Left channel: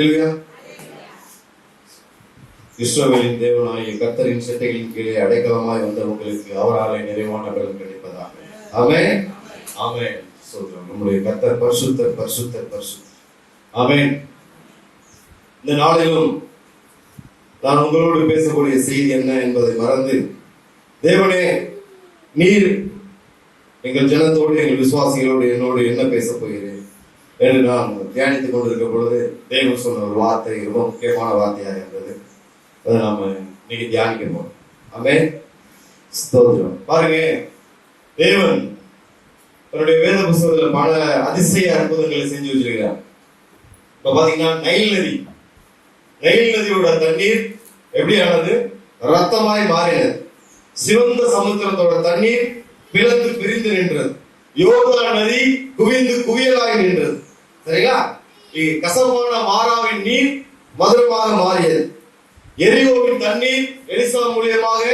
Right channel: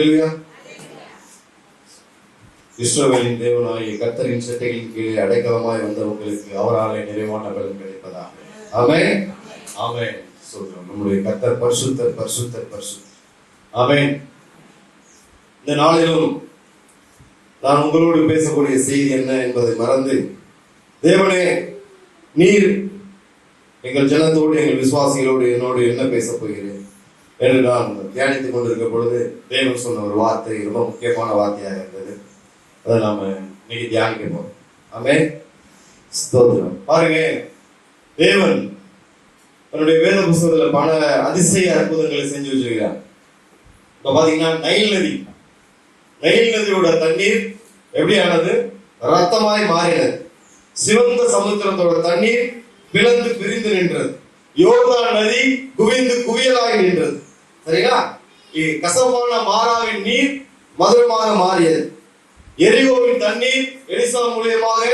அல்லேலூயா. இஸ்ரவேலின் தேவனாகிய கர்த்தரின் செட்டைகளின் கீழே அடைக்கலமாய் வந்த உங்களுக்கு அவராலே நிறைவான பலன் கிடைப்பதாக. ஆமென், ஆமென். சொல்றோம், நம்முடைய கர்த்தர் பரிசுத்தர், பரிசுத்தர், பரிசுத்தர். ஆமென். இந்த நாளிலும் நான் உங்களோடு பேசக்கூடிய செய்தி என்ன என்பதை மறந்து, தேவனே நீர் எங்கள் ஜனத்தோடு, எங்கள் விசுவாசிகளோடு, என்னோடு என்ன பேசப் போகிறேன் என்று நான் தியானித்துக் கொண்டிருக்க பொழுது தேவன் சொன்ன ஒரு வார்த்தை ரொம்ப முக்கியமான வார்த்தையாக இருந்தது. அதை நாம இன்னைக்கு தியானிக்க போறோம். ஆமென், ஸ்தோத்திரம். பாருங்க, தேவன் தன்னுடைய வேத புத்தகத்துல பல அதிசய அற்புதங்களை செஞ்சு வச்சிருக்கிறார். இப்ப பாத்தீங்கன்னா நைல் நதியோட தண்ணீர் எப்படி ஆனது? ரத்தமாய் மாறினது. சிவந்த சமுத்திரத்தோட தண்ணீர் பிளந்து பிரிந்து நின்றது. யோர்தான் நதி குவிந்து குவியலாய் நின்றது. சரிங்களா? கசப்பான மாராவின் நீர் மதுரமாக மாறியது. எரிகோவின் தண்ணீர் எலிசா மூலியமாக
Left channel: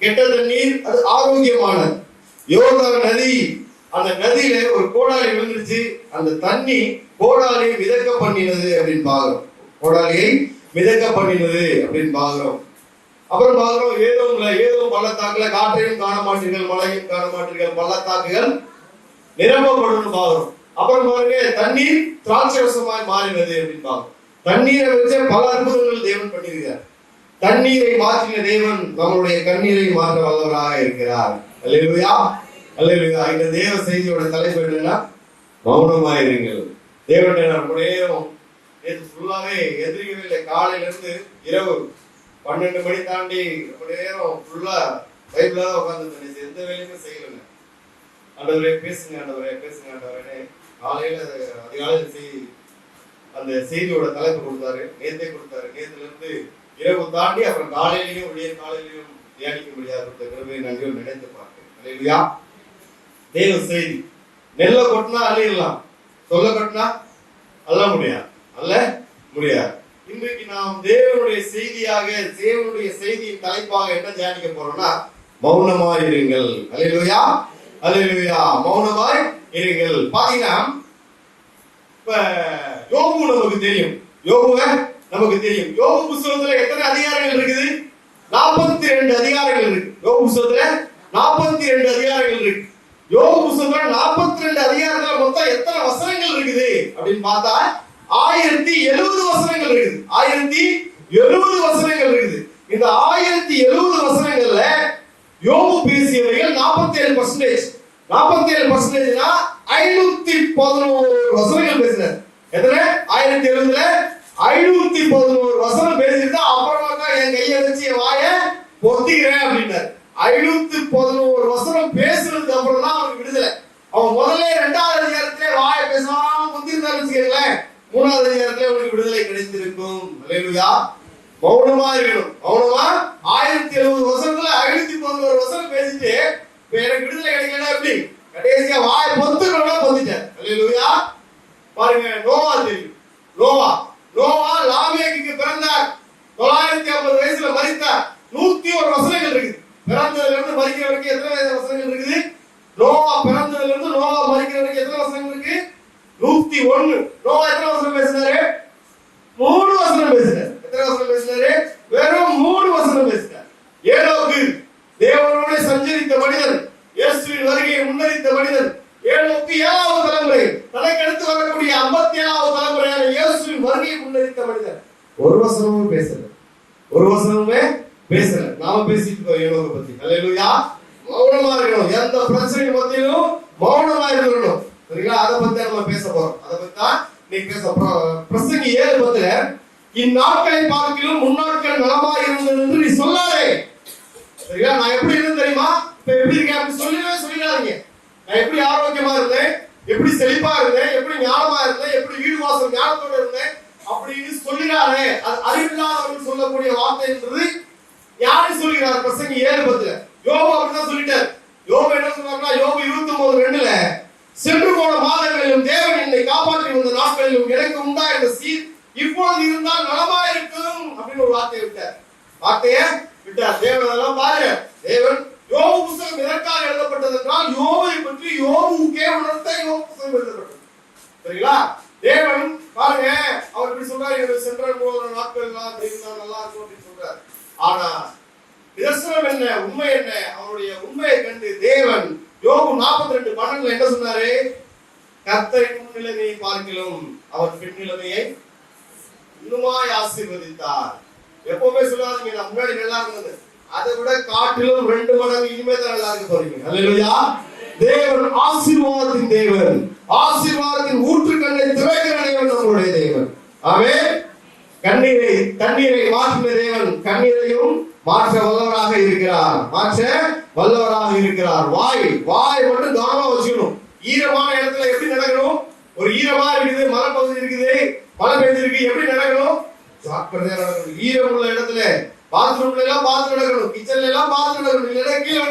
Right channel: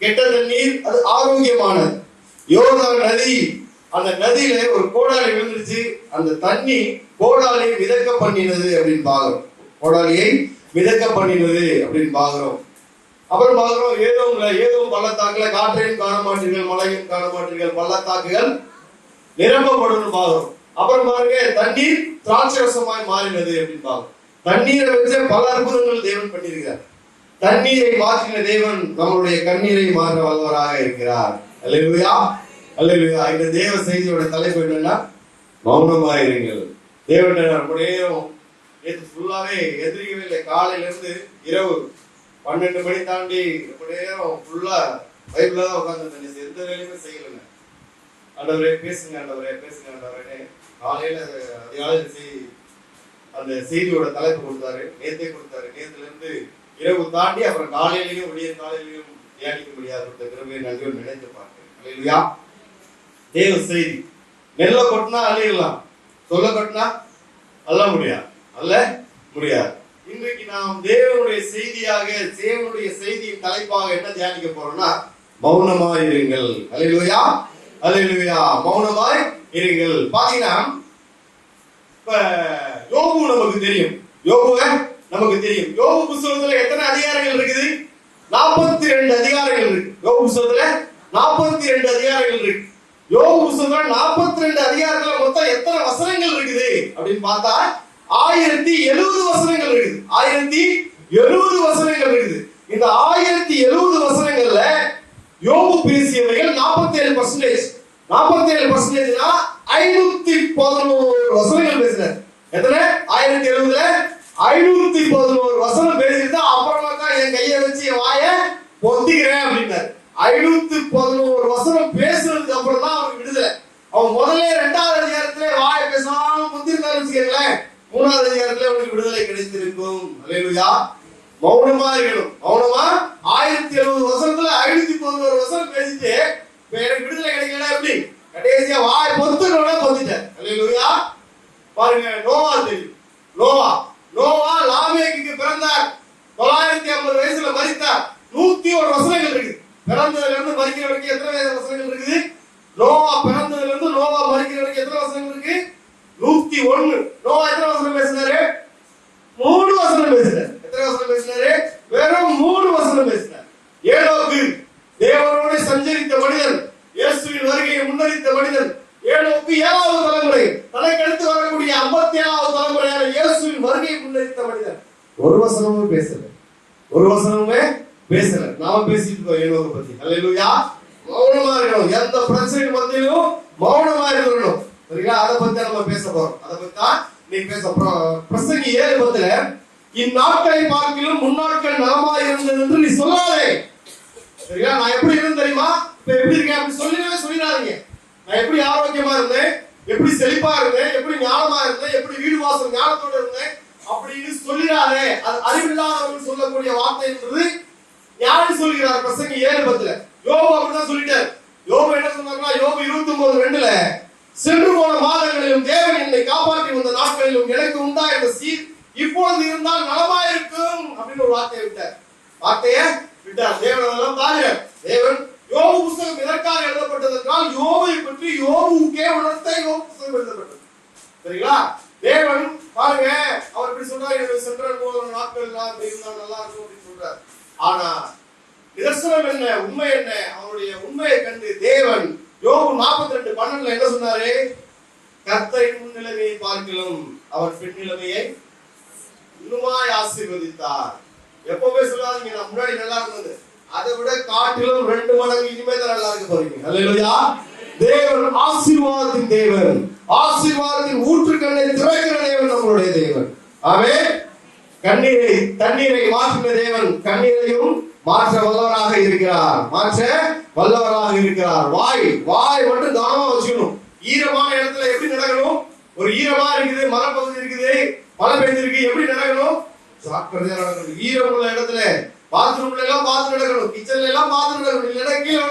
கெட்ட தண்ணீர் அது ஆரோக்கியமானது. யோர்தான் நதி, அந்த நதியில ஒரு கோடாலி விழுந்துச்சு. அந்த தண்ணி கோடாலியை மிதக்க பண்ணினது அப்படின்னு பாக்குறோம். கோடாலியை மிதக்க பண்ணினது அப்படின்னு பாக்குறோம். அப்புறம் பாக்குறோம், ஏதோ பள்ளத்தாக்குல காற்றையும் காண மாட்டீர்கள், மழையும் காண மாட்டீர்கள், பள்ளத்தாக்குகள் நிரப்பப்படும் பாக்குறோம். அப்புறம் பாருங்க, தண்ணீர் திராட்சரசமாய் மாறினது அப்படின்னு பாக்குறோம். தண்ணீரை வச்சு பல அற்புதங்கள் தேவன் பண்ணியிருக்கிறார். தண்ணீரை மாற்றின தேவன் நம்மளுடைய கண்ணீரை மாற்ற வல்லவராக இருக்கிறார். அல்லேலூயா, அல்லேலூயா. இந்த தேவ செய்தியோட தலைப்பு என்னன்னா, மௌனமாயிருங்கள். தேவன் நம்முடைய நேற்று ஃபுல்லாவே எதிரிக்கவே இல்லை. காலையில இருந்து இரவு 12 மணி தாண்டி ஃபுல்லா பைபிளா தான் உட்கார்ந்து எந்த வேலையுமே செய்யலைங்க. ஆண்டவரே பேசுங்க, ஆண்டவரே பேசுங்க, ஆண்டவரே. காலையில அதிகாலை அந்த செய்தியோட தலைப்பு கொடுத்தாரு, நேத்தே கொடுத்தாரு. நேத்துல இருந்து இரவு தாண்டி அப்புறம் காலையிலையும் விடிய காலையிலையும் தியானிக்க முடியாது. கிருபையை நன்றியோடு நினைத்து பார்த்தேன். அல்லேலூயா. தேவ செய்தி. நெல்ல கொட்டினா அள்ளிடலாம், சொல்ல கொட்டினா அல்ல முடியாது, அல்ல முடியாது. இன்றைக்கு நாம் தேவனுடைய செய்தியாக, தேவனுடைய செய்தியின் தலைப்பாக என்ன தியானிக்க போறோம்னா, மௌனமாய் இருங்கள். அல்லேலூயா, அல்லேலூயா. மௌனமாய் இருங்கள். பாத்தீங்கன்னா, இப்ப யோபு நமக்கு தெரியும். நமக்கு தெரியும். யோபு புத்தகத்துல எத்தனை அதிகாரங்கள் இருக்குது? 42 அதிகாரங்கள் இருக்கு. யோபு புத்தகத்துல 42 அதிகாரங்கள் இருக்கு. யோபு புத்தகத்துல 42 அதிகாரத்துல மொத்தம் எத்தனை வசனங்கள் இருக்குது அப்படின்னு பார்த்தா 1070 வசனங்கள் இருக்குது. 1070 வசனங்கள் இருக்குது. இந்த 1070 வசனங்கள்ல யோபு பேசியவைகள் 47%. 47%னா 511 வசனங்கள் பேசினார். எத்தனை? 1070ல 511 வசனம் பேசிட்டு அப்புறமா தான் என் கையை வச்சு என் வாயை பொத்திக்கிறேன் அப்படின்னாரு. 511 வசனம் பேசுறதுக்கு அப்புறம் தான் அவனுக்கு விடுதலை. அவன் முதல்ல 2வது அதிகாரத்திலே வாயை பேசாம முந்திருந்தாலும் வச்சுக்கல, 3வது அதிகாரத்திலே அவனுக்கு விடுதலை கிடைத்திருக்கும். அல்லேலூயா. மௌனமா இருக்கணும். மௌனமா 1070 வசனத்துல 511 வசனம் பேசிட்டு எனக்கு விடுதலை கிடைக்கல. எப்படி? கடைசியா வாயை பொத்திட்டேன். அல்லேலூயா. பாருங்க, நோவா தெரியும். நோவா லாமேக்குக்கு பிறந்தார். 950 வயசுல மரித்தார். 101 வசனங்கள் இருக்கு. பிறந்ததுல இருந்து மரிக்கிற வரைக்கும் எத்தனை வசனங்கள் இருக்குது? நோவா பிறந்ததுல இருந்து நோவா மரிக்கிற வரைக்கும் எத்தனை வசனங்கள் இருக்கு? 101. நோவா எத்தனை வசனம் பேசினாரு? 3 வசனம் பேசினார். எத்தனை வசனம் பேசினாரு? வெறும் 3 வசனம் பேசினார். ஏனோக்கு தேவனோட சஞ்சரித்த மனிதன், இயேசுவின் வருகையை முன்னறித்த மனிதன். ஏனோக்கு 7வது தலைமுறை, தனக்கு அடுத்து வரக்கூடிய 57வது தலைமுறையான இயேசுவின் வருகையை முன்னறித்த மனிதன். ஒரு வசனமும் பேசல. நாம பேசிட்டு போய் ஏனோக்கு பத்தி. அல்லேலூயா. மௌனமா இருக்கணும். எந்த பிரச்சனை மத்தியிலும் மௌனமா இருக்கணும். சரிங்களா? அதை பத்தி நம்ம பேச போறோம். அதை பத்தி தான் இன்னைக்கு பேச போறோம். பிரசங்கி 7:10, இந்நாட்களை பார்க்கிலும் முன்னாட்கள் நலமா இருந்தது என்று நீ சொல்லாதே. சரிங்களா? நான் எப்படி இருந்தேன் தெரியுமா? இப்ப எப்படி இருக்கேன் அப்படி சொல்லிடாதீங்க. நான் எப்படி ஆரோக்கியமா இருந்தேன், எப்படி செழிப்பா இருந்தேன், எப்படி ஞானமா இருந்தேன், எப்படி வீடு வாசல் ஞானத்தோட இருந்தேன் அப்படின்னு சொல்லிடாதே. அது அறிவில்லாதவர்கள் சொல்லக்கூடிய வார்த்தை என்பது யாரு சொல்கிறார்? பிரசங்கி 7:10. யோபு அப்படிதான் சொல்லிட்டார். யோபு என்ன சொன்னார்னா, யோபு 29:2, சென்று போன மாதங்களிலும் தேவன் என்னை காப்பாற்றி வந்த நாட்களிலும் எனக்கு உண்டாயிருந்த சீர் இப்பொழுது இருந்தால் நலமா இருக்கும் அப்படின்னு ஒரு வார்த்தையை விட்டார். தேவன் பாருங்க. தேவன் யோபு புத்தகம் எதற்காக எழுதப்பட்டது என்றால், யோபை பற்றி யோபுக்கே உணர்த்த யோபு புத்தகம் எழுதப்பட்டது. சரிங்களா? தேவன் பாருங்க, அவர் இப்படி சொல்றாரு, என்னுடைய சென்ற நாட்கள் எல்லாம் தெய்வம் நல்லா இருக்கும் அப்படின்னு சொல்றாரு. ஆனா நிதர்சனம் என்ன, உண்மை என்ன? அவருடைய உண்மையை கண்டு தேவன் யோபு 42:12 என்ன சொன்னாரு? கர்த்தரின் முன்னிலைமையை பார்க்கிலும் அவர் பெண் நிலைமையை இன்னுமாய் ஆசீர்வதித்தார். எப்பவுமே சொல்லாதீங்க நான் முன்னாடி நல்லா இருந்தது, அதை விட காட்டிலும் 2 மடங்கு இனிமே தான் நல்லா இருக்க போறீங்க. அல்லேலூயா. தேவன் ஆசீர்வாதத்தின் தேவன், ஆசீர்வாதத்தின் ஊற்றுக்கண்ணை திறக்கிற தேவன் நம்முடைய தேவன். ஆமென். கண்ணீரை தண்ணீரை மாற்றின தேவன் கண்ணீரையும் மாற்ற வல்லவராக இருக்கிறார், மாற்ற வல்லவராக இருக்கிறார். வாய் மட்டும் கவனமா வச்சுக்கணும். ஈரமான இடத்துல எப்படி நடக்கணும்? ஒரு ஈரமா இருக்குது, மழை பகுதி இருக்குது, மழை பெய்திருக்கு, எப்படி நடக்கணும்? ஜாக்கிரதையா நடக்கணும். ஈரம் உள்ள இடத்துல பாத்ரூம்ல எல்லாம் பார்த்து நடக்கணும், கிச்சன்ல எல்லாம் பார்த்து நடக்கணும். இல்லைன்னா கீழே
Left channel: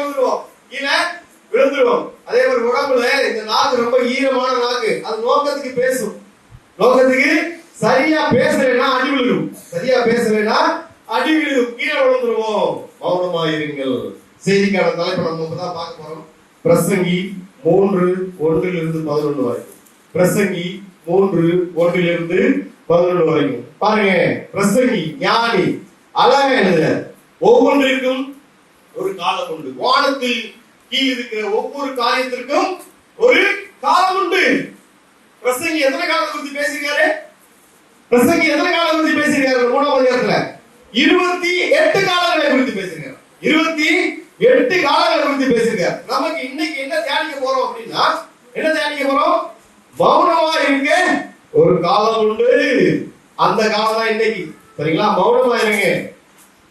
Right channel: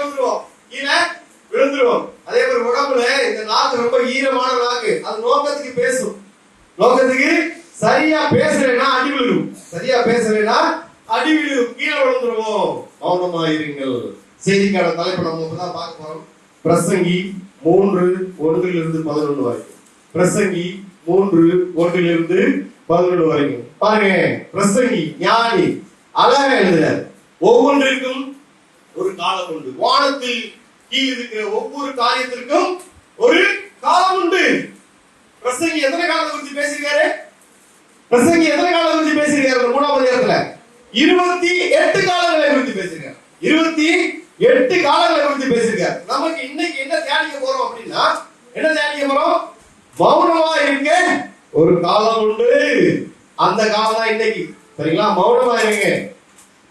விழுந்துருவோம். அதே மாதிரி உடம்புல இந்த நாக்கு ரொம்ப ஈரமான நாக்கு, அது நோக்கத்துக்கு பேசும். நோக்கத்துக்கு சரியா பேசலைன்னா அடி விழுகும், சரியா பேசலைன்னா அடி விழுகும், கீழே விழுந்துருவோம். மௌனமாயிருங்கள். செய்திக்கான தலைப்பு நம்ம இப்பதான் பார்க்க போறோம். பிரசங்கி 3:1-11 வரைக்கும். பிரசங்கி 3:1-11 வரைக்கும் பாருங்க. பிரசங்கி ஞானி அழகா எழுதுறார். ஒவ்வொன்றிற்கும் ஒரு காலம் உண்டு. வானத்தில் கீழ் இருக்கிற ஒவ்வொரு காரியத்திற்கும் ஒரு காலம் உண்டு. பிரசங்கி எத்தனை காலத்தை குறித்து பேசியிருக்காரு? பிரசங்கி எத்தனை காலம் குறித்து பேசியிருக்காரு? 3ஆம் அதிகாரத்துல 28 காலங்களை குறித்து பேசியிருக்காரு. 28 காலங்களை குறித்து பேசியிருக்காரு. நமக்கு இன்னைக்கு என்ன தியானிக்க போறோம் அப்படின்னா, என்ன தியானிக்க போறோம்? மௌனமா இருக்க ஒரு காலம் உண்டு. அந்த காலம் தான் இன்னைக்கு. சரிங்களா? மௌனமா இருங்க.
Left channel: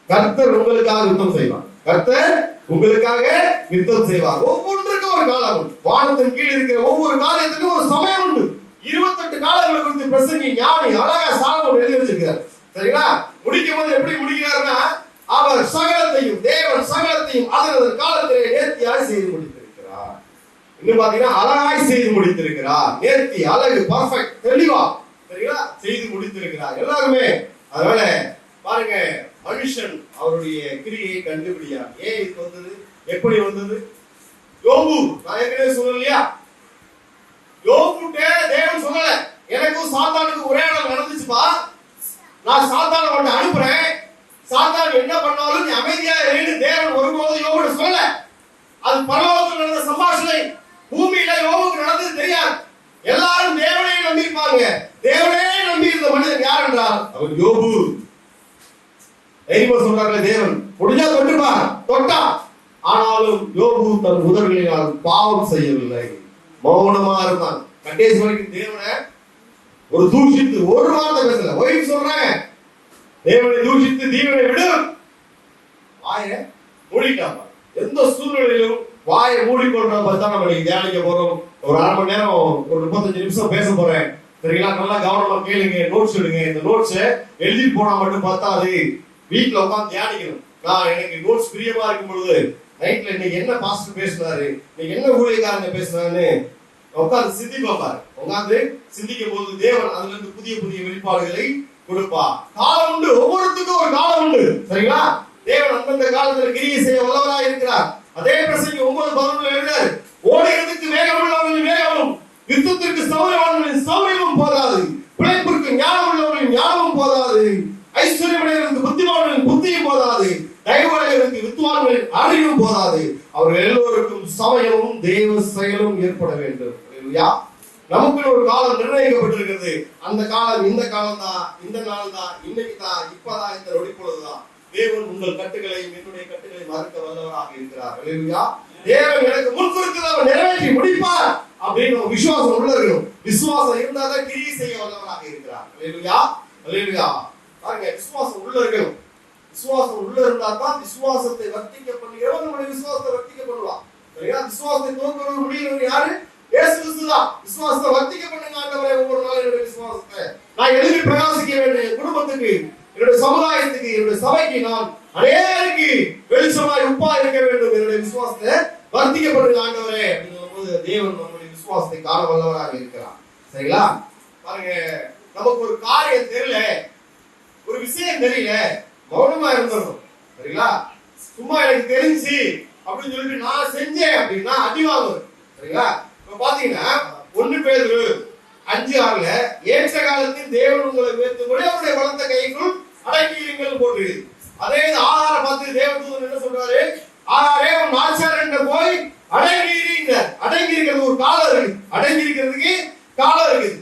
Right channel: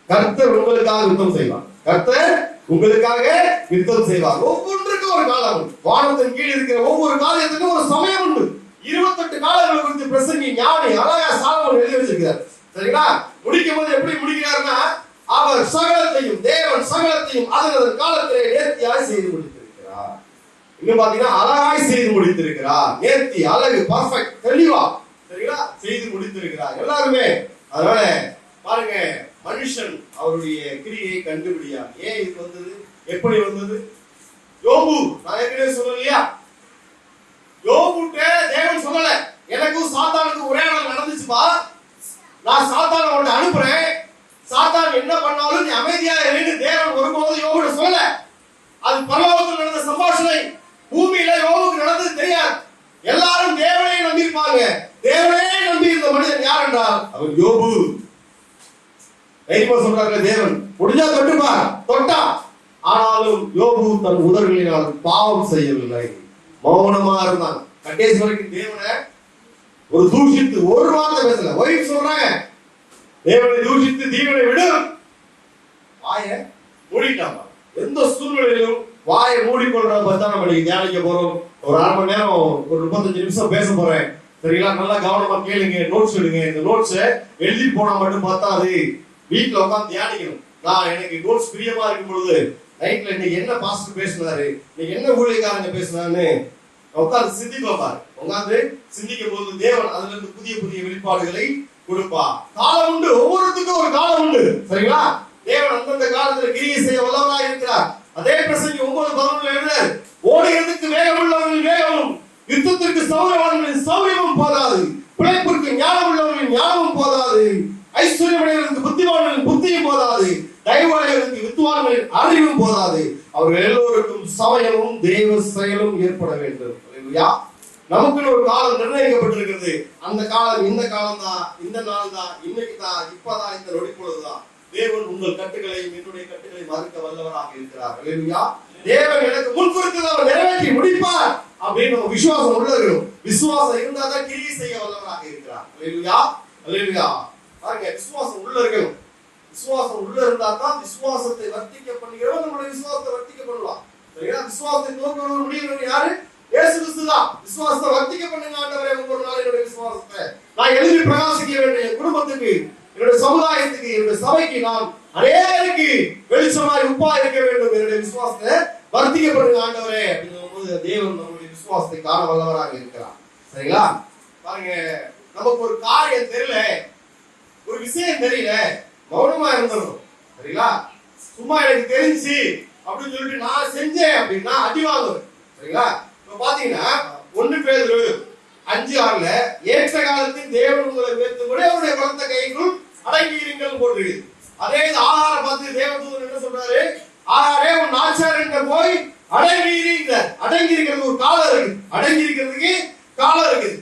கர்த்தர் உங்களுக்காக யுத்தம் செய்வார். கர்த்தர் உங்களுக்காக யுத்தம் செய்வார். ஒவ்வொன்றுக்கும் ஒரு காலம் உண்டு. வானத்தின் கீழ் இருக்கிற ஒவ்வொரு காரியத்துக்கும் ஒரு சமயம் உண்டு. 28 காலங்களை குறித்து பிரசங்கி ஞானி அழகா சாலமோன் எழுதி வச்சிருக்கிறார். சரிங்களா? முடிக்கும் போது எப்படி முடிக்கிறார்னா, அவர் சகலத்தையும், தேவன் சகலத்தையும் அதன் காலத்திலே நேர்த்தியாய் செய்து முடித்திருக்கிறார். இன்னும் பாத்தீங்கன்னா அழகாய் செய்து முடித்திருக்கிறார். நேர்த்தி, அழகு, பர்ஃபெக்ட், தெளிவா, சரிங்களா, செய்து முடித்திருக்கிறார் எல்லாருமே. அதனால பாருங்க, மனுஷன் அவருடைய கிரியை கண்டுபிடியார். ஏன் இது வந்தது, எப்படி வந்தது? யோபு, நான் ஏற்கனவே சொல்லலையா, யோபுட்ட தேவன் சொல்லல எனக்கும் சாத்தானுக்கு ஒரே நாள் நடந்துச்சுப்பா, நான் சாத்தானை உன்னை அனுப்புறேன், சாத்தான் என்ன பண்ணாலும் நீ அமைதியா இரு. தேவன் ஒருபோதும் யோபுட்ட சொல்லல. அது பரலோகத்தில் நடந்த சம்பாஷணை. பூமியில யோபுக்கு நடந்தது தெரியாது. எல்லாரும் தேவனையே நம்பியிருப்பாங்க. தேவனையே நம்பி இருந்த மனிதன் யார் என்றால் அவர் யோபு. தைரியமா சொல்றாங்க, தேவன் முடிஞ்சா தொட்டுப்பார், தொட்டா. ஆனாலும் யோபு தன் உதவியினால் பாவம் செய்யவில்லை, மௌனமா இருந்தான். கடைசி வரைக்கும் தேவனை ஒரு தூஷித்து ஒரு வார்த்தை பேசல. ஒய்ஃப் சொல்றாங்க, தேவனை தூஷித்து தீவனை விடும், வாய மூடிட்டாமா. எந்த சூழ்நிலையிலும் வாயை மூடிக்கொள்றப்ப தான் நம்ம தியானிக்க போறோம். ஒரு 1/2 மணி நேரம், ஒரு 35 நிமிஷம் பேச போறேன். சரிங்களா? நல்லா கவனமா கேளுங்க, நோட்ஸ் எடுங்க. இந்த நோட்ஸ் எழுதி போனா மட்டும் பார்த்தாது, வீட்டுல உட்காந்து தியானிக்கணும். நான் எனக்கு நோட்ஸ் பிரியமா இருக்கும் பொழுது நைட்ல இன்னைக்கு என்ன பாஸ்டர் பேசினாரு, இன்னைக்கு என்ன ஊழியக்காரங்க பேசினாருன்னு உட்காந்து சிந்திப்பா. உட்காந்து சிந்திக்கும் போது தேவன் அதுல இருந்து புதிய புதிய வெளிப்பாடுகளை கொடுப்பா. காலம் உண்டு, ஒவ்வொருத்துக்கும் ஒரு காலம் உண்டு. சரிங்களா? தேவன் அந்தந்த காலத்துல கிரியை செய்ய வல்லவராக இருக்கிறார். அதே பிரசங்கி 9:11 எழுதுறார், ஓடுகிறதுக்கு வேகம் உள்ளவர்களின் வேகமும், யுத்தத்திற்கு சௌரியவான்களின் சௌரியமும் போதாது, பிழைப்பிற்கு ஞானம் உள்ளவர்களின் ஞானமும் போதாது, ஐஸ்வர்யமுடையவர்களுக்கு புத்திமான்களின் புத்தியும் போதாது, தயவுடையவர்களுக்கு வித்துவான்களின் அறிவும் போதாது, அவர்கள் எல்லோருக்கும் சமயமும் தேவ செயலும் ஏற்பட வேண்டும். நமக்கு ஒரு காலம் நிர்ணயிக்கப்பட்டிருக்கிறது. அந்த காலம் இந்த காலம் தான், இந்த நாள் தான், இன்னைக்கு தான், இப்பதான், இந்த நொடிப்பொழுதுதான். தேவன் உங்கள் கட்டுகளையும் என்னுடைய கட்டுகளை மறுக்க வல்லவராக இருக்கிறார். அல்லேலூயா. தேவன் எனக்கு முன்குறித்து அவர் நிறைவேற்றி முடிப்பார் அப்படின்னு ஒரு விசுவாசம் உள்ள இருக்கணும். விசுவாசம் இருந்தாதான் கிரியை செய்ய வல்லவராக இருக்கிறார். அல்லேலூயா. அல்லேலூயா. பாருங்க, விசுவாசம் உள்ள இருக்கணும். விசுவாசம் உள்ள இருந்தா தான் விசுவாசத்தை வர்த்திக்க பண்ணுகிறோம். நம்மளுடைய விசுவாசத்தை வர்த்திக்க பண்ணலாம். சரியா? விசுவாசத்தை நோக்கி முடியணும் யாரு? இயேசு கிறிஸ்து தான். விசுவாசத்தை வர்த்திக்க பண்ணுங்க ஆண்டவரே. ஒவ்வொரு நாளும் என்னுடைய விசுவாசத்தை நான் எழுதி பிரகாசிக்க வேண்டும். என் குடும்பத்துக்கு, என்னுடைய சமுதாயத்துக்கு, என்னுடைய சபைக்கு நான் அநேகருக்கு வெளிச்சமாய் உப்பா இருக்க வேண்டும். என்னுடைய விசுவாசத்தை வர்த்திக்க பண்ணுங்க ஆண்டவரே அப்படிங்கும்போது தேவன் நம்முடைய விசுவாசத்தை காண வல்லவராக இருக்கிறார். சரிங்களா? பாருங்க, நமக்கு ஒரு காரியம் தெரியல, ஒரு விஷயம் தெரியல, மௌனமா இருந்துடணும். சரிங்களா? சும்மா எனக்கு தெரிஞ்சு அப்படின்னு சொல்லிட்டு நான் செஞ்சேன் அப்படின்னா அடி வாங்குவேன். சரிங்களா? இப்ப பாத்தீங்கன்னா 1 பேதுரு 5:6 ஏற்ற காலத்தில் தேவன் உங்களை உயர்த்தும்படி அவருடைய பலத்த கைக்குள் அடங்கியிருங்கள் போட்டு. அதே ஆகாரை பார்த்து தேவதூதன் என்ன சொல்றாரு? ஆகாரே உன் ஆச்சாரன் போய் அடங்கியிருங்க. அடங்கி இருக்கிறது ஒரு காலம் இருக்கு. அடங்கி இருக்கிறதுக்கு காலம் இருக்குது.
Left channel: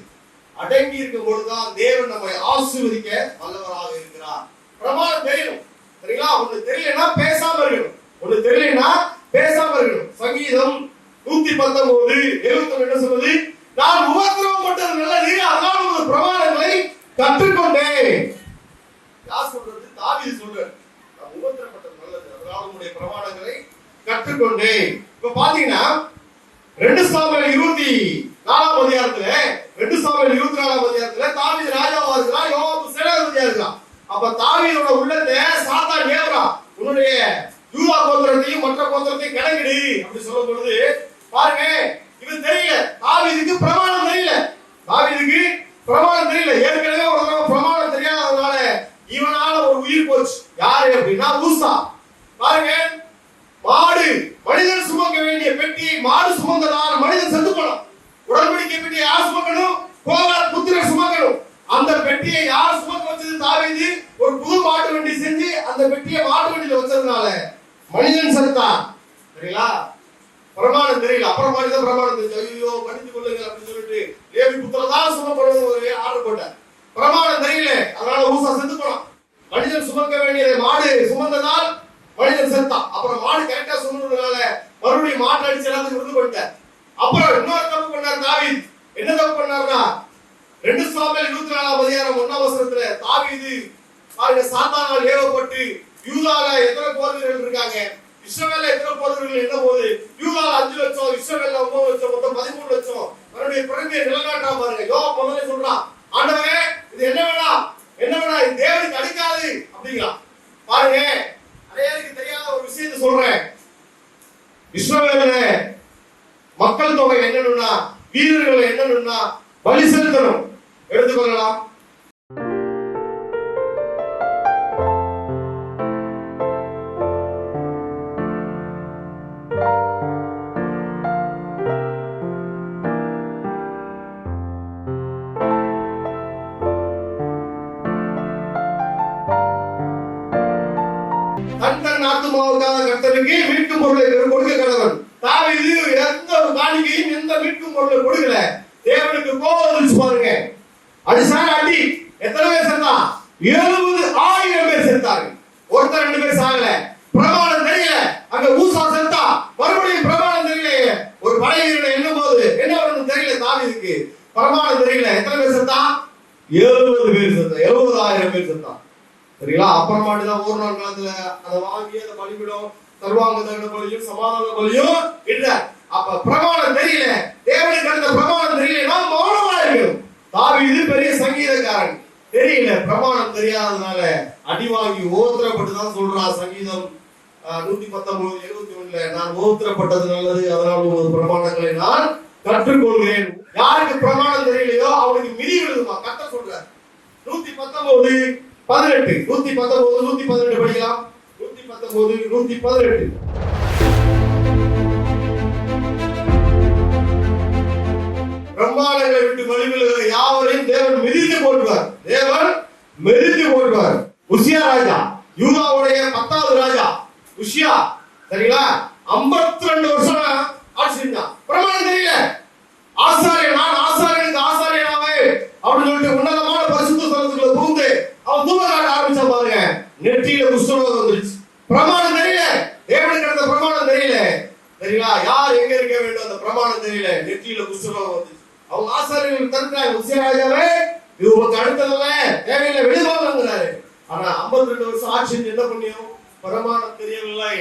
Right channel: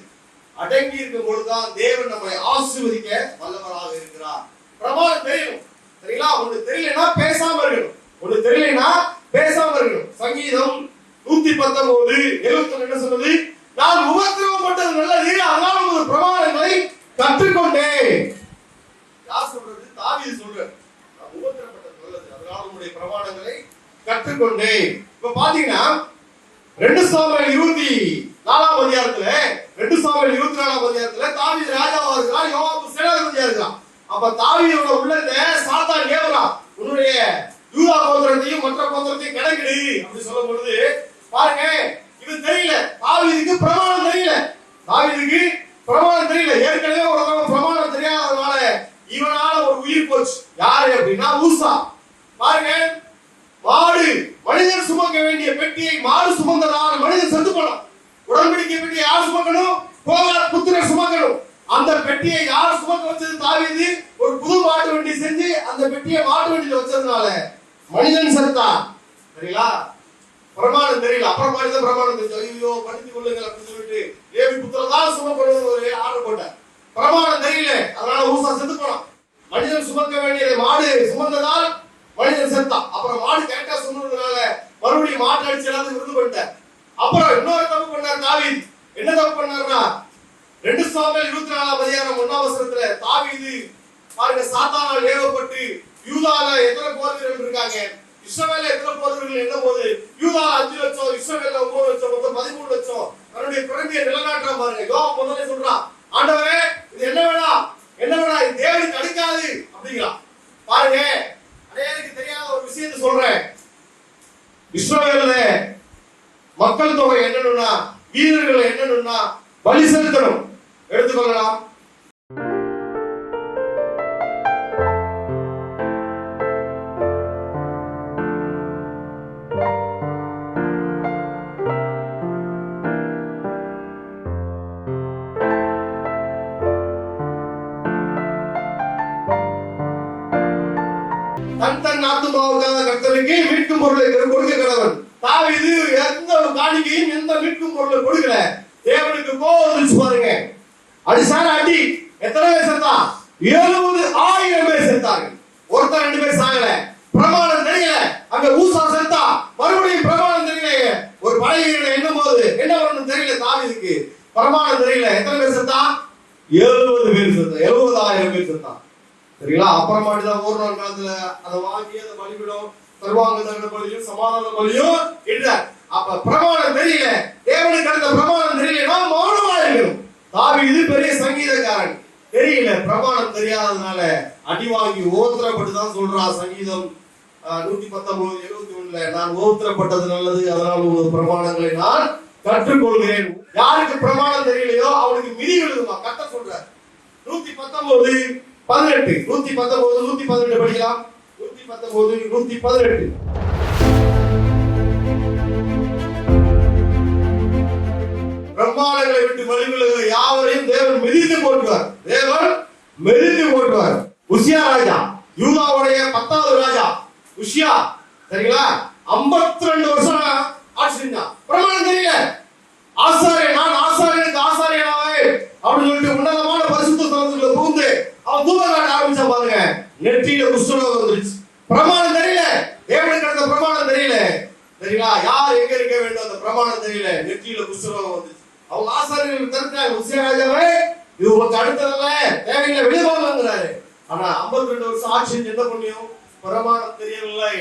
அடங்கி இருக்கும் பொழுதுதான் தேவன் நம்மை ஆசீர்வதிக்க வல்லவராக இருக்கிறார். பிரமாணம் தெரியணும். சரிங்களா? ஒண்ணு தெரியலனா பேசாம இருக்கணும். ஒண்ணு தெரியலனா பேசாம இருக்கணும். சங்கீதம் 119:71 என்ன சொல்லுது? நான் உபத்திரவப்பட்டது நல்லது, அதனால ஒரு பிரமாணங்களை கற்றுக்கொண்டேன். யார் சொல்றது? தாவீது சொல்றார். நான் உபத்திரவப்பட்டது நல்லது, அதனால உங்களுடைய பிரமாணங்களை கற்றுக்கொண்டேன். இப்ப பாத்தீங்கன்னா 2 சாமுவேல் 24 அதிகாரத்துல 2 சாமுவேல் 24 அதிகாரத்துல தாவீது ராஜாவா இருக்கிறான், யோவாப் சேனாதிபதியா இருக்கான். அப்ப தாவீதோட உள்ளத்தை சாத்தான் ஏவுறான். உன்னுடைய யூதா கோத்திரத்தையும் மற்ற கோத்திரத்தையும் கணக்கிடு அப்படி சொல்லும் பொழுது பாருங்க, இது தெரியல. தாவீதுக்கு பிரமாணம் தெரியல. தாவீதுக்கு பிரமாணம் தெரியல. ஏற்கனவே ஒரு பிரமாணம் தெரியாததுனால இவனால ஒரு உயிர் போச்சு. யாரு அப்படின்னா ஊசா. பாருங்க, மாடு மனிதன் சுமக்க வேண்டிய பெட்டியை மாடு சுமந்ததால் மனிதன் செத்து போனான். உடன்படிக்கை பெட்டியை யார் சுமக்கணும்? கோகாத் புத்திரர் சுமக்கணும். அந்த பெட்டியை யார் சுமக்க வச்சது? தாவீது ஒரு புது மாட்டு வண்டி செஞ்சு அந்த பெட்டியை மாட்டு வண்டியில வச்சதுனால மனிதன் செத்தான். சரிங்களா? பிரமாணம் தெரியல. அப்புறம் மனிதன் பிரமாணம் தெரிஞ்சு ஐயோ படித்துக் கொள்ளுங்கள் அப்படின்னு சொல்லிட்டு லேவி புத்திரர் தான் சுமக்கிறது ஒரு ஆர்டர் போட்டார். பிரமாணம் தெரியல, அதனால ஊசா செத்து போனான். மனிதன் சுமக்க வேண்டியதை மாடு சுமந்ததால் மனிதன் செத்தான். அப்புறம் மாடு கரெக்டா சுமந்ததுனால மறுபடியும் மாட்டு அடிச்சு எல்லாத்தையும் விருது பண்ணிட்டார். அப்புறம் இன்னொரு தப்பு பண்ணார் தாவீது. என்ன தப்பு பண்ணார்னா 2 சாமுவேல் 24 அதிகாரம் 1 தாவீது பாருங்க, சாத்தானால் ஏவப்பட்டு யூதால எத்தனை போதகர்கள் இருக்காங்க, இஸ்ரவேல்ல எத்தனை போதகர்கள் என்ன போது, யூதால 5 லட்சம், இஸ்ரவேல்ல 9 லட்சம், மொத்தம் 13 லட்சம் தன்னுடைய பிறவியை நிலநாட்டா பாருங்க. யோவாப் முதல்ல சொல்றான், ஆண்டவரே இது என்ன வேணா இது தேவனுக்கு அடுக்காது அப்படிங்கிறான். பாருங்க, அநேகருக்கு தெரியாத ஒரு விஷயத்தை சொல்றேன். இஸ்ரவேல்ல மக்கள் தொகை என்னன்னா, வீரர்கள் என்னன்னா பலி செலுத்தணும். எடுத்துக்கொள்ளலாம். தன் ஆத்துமாவுக்காக கர்த்தருக்கு மீட்கும் பொருளை கொடுக்க கடவன். தாவீது எந்த ஒரு காணிக்கையும் எந்த மீட்கும் பொருளை கொடுக்கல. தேவனுக்கு கோபம் வந்துச்சு பாருங்க. அடிசான அடி. எத்தனை பேர் செத்தான்? 70,000 பேர் செத்தாங்க. ஒருத்தர் 2 பேர் சாகல. பிரமாணம் தெரியல. அங்க ஊசா செத்தா. மறுபடியும் பிரமாணம் தெரியல. ஒரு படைவீரனை எண்ணும் போது என்ன வரணும் தெரியல. தாவீதுக்கு பிரமாணம் தெரியல. எத்தனை பேர் செத்தா? 70 பேர் செத்தா. 70,000 பேர் செத்தான். சரிங்களா? அப்புறமாட்டுதான் ஒரு நாள் காலத்துல அதை வாங்கி அதை பலிபிடும் சர்வாங்க தகன பலியும் சமாதான பலியும் இல்ல. அப்ப பிரமாணம் தெரியல. தேவனுக்கு அடுத்த பிரமாணம் தெரியலன்னா மௌனமா இருக்கணும். தாவீது பெரிய சங்கீதக்காரன். தெரியல, பிரமாணம் தெரியாததுனால அடி வாங்கி ஓத்திரப்பட்டுதான் சொல்றான். சங்கீதம் 119:71 நான் ஓத்திரப்பட்டது நல்லது, அதனால் ஒரு பிரமாணங்களை நான் கற்றுக்கொள்கிறேன். யாருக்கு பிரமாணம் தெரியலையோ அவனுக்கு மிதி விழுதுமா கத்த சொல்றார். 119:18 119:118 படிக்கலாம். 119:118 பிரமாணங்களை விட்டு வழிவிலகுகிற யாவரையும் தேவன் மிதித்து போட்டுவார். தேவன் மிதித்து போட்டுவார். உசியா ராஜா, யூதாவுடைய 10வது ராஜா உசியா. சரிங்களா? 52 வருஷம் ஆட்சி செஞ்சான். பிரமாணம் தெரியல. ஆசாரியன், நான் ஆசாரியனுக்கு ஆசாரியனாவே அப்படின்னு சொல்லிட்டு உன்னதமான பரிசுத்த ஸ்தலத்துக்குள்ள புகுந்து அவன் தூபம் காட்ட ஆரம்பிச்சா பாருங்க, நெற்றியில குஷ்டரோகம் வந்துருச்சு. பிரமாணம் தெரியல. தேவனுக்கு அந்த பிரமாணம் தெரியல. சரிங்களா? யார் எங்க இருக்க வேண்டும் அந்த பிரமாணம் தெரியல. நெற்றியில குஷ்டரோகம் வந்துச்சு. அவங்க ஆசாரியர்கள் தடுத்தாங்க. உசியா ராஜாவே இது உங்களுக்கு அடுத்ததல்ல, தேவையில்லை, வெளிவாங்கிறாரு. ஆனா 52 வருஷம் ஆட்சி என்ன புண்ணியம்? பிரமாணம் தெரியவில்லை.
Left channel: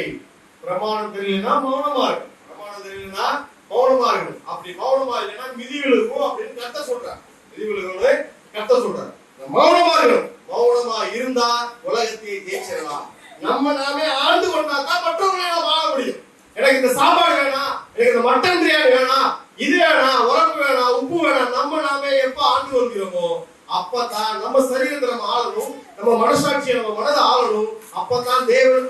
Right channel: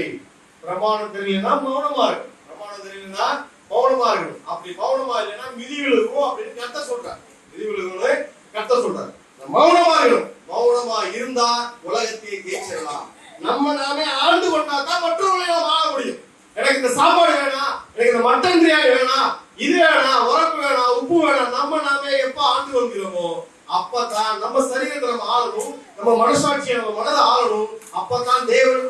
பிரமாணம் தெரியலன்னா மௌனமா இருக்கு. பிரமாணம் தெரியலன்னா மௌனமா இருக்கணும். அப்படி மௌனமா இல்லைன்னா மிதி விழுகும் அப்படின்னு கத்த சொல்றாரு. மிதி விழுகும்னு கத்த சொல்றாரு. மௌனமா இருக்கணும். மௌனமா இருந்தா உலகத்தை ஜெயிச்சிடலாம். நம்ம நாமே ஆழ்ந்து கொண்டா தான் மற்றவர்களை வாழ முடியும். எனக்கு இந்த சாப்பாடு வேணாம், எனக்கு இந்த மட்டன் பிரியாணி வேணாம், இது வேணாம், உரப்பு வேணாம், உப்பு வேணாம், நம்ம நாமே எப்ப ஆண்டு கொள்கிறோமோ அப்பதான் நம்ம சரீரத்தை நம்ம ஆளணும், நம்ம மனசாட்சியை நம்ம மனதை ஆளணும். அப்பதான் தேவன்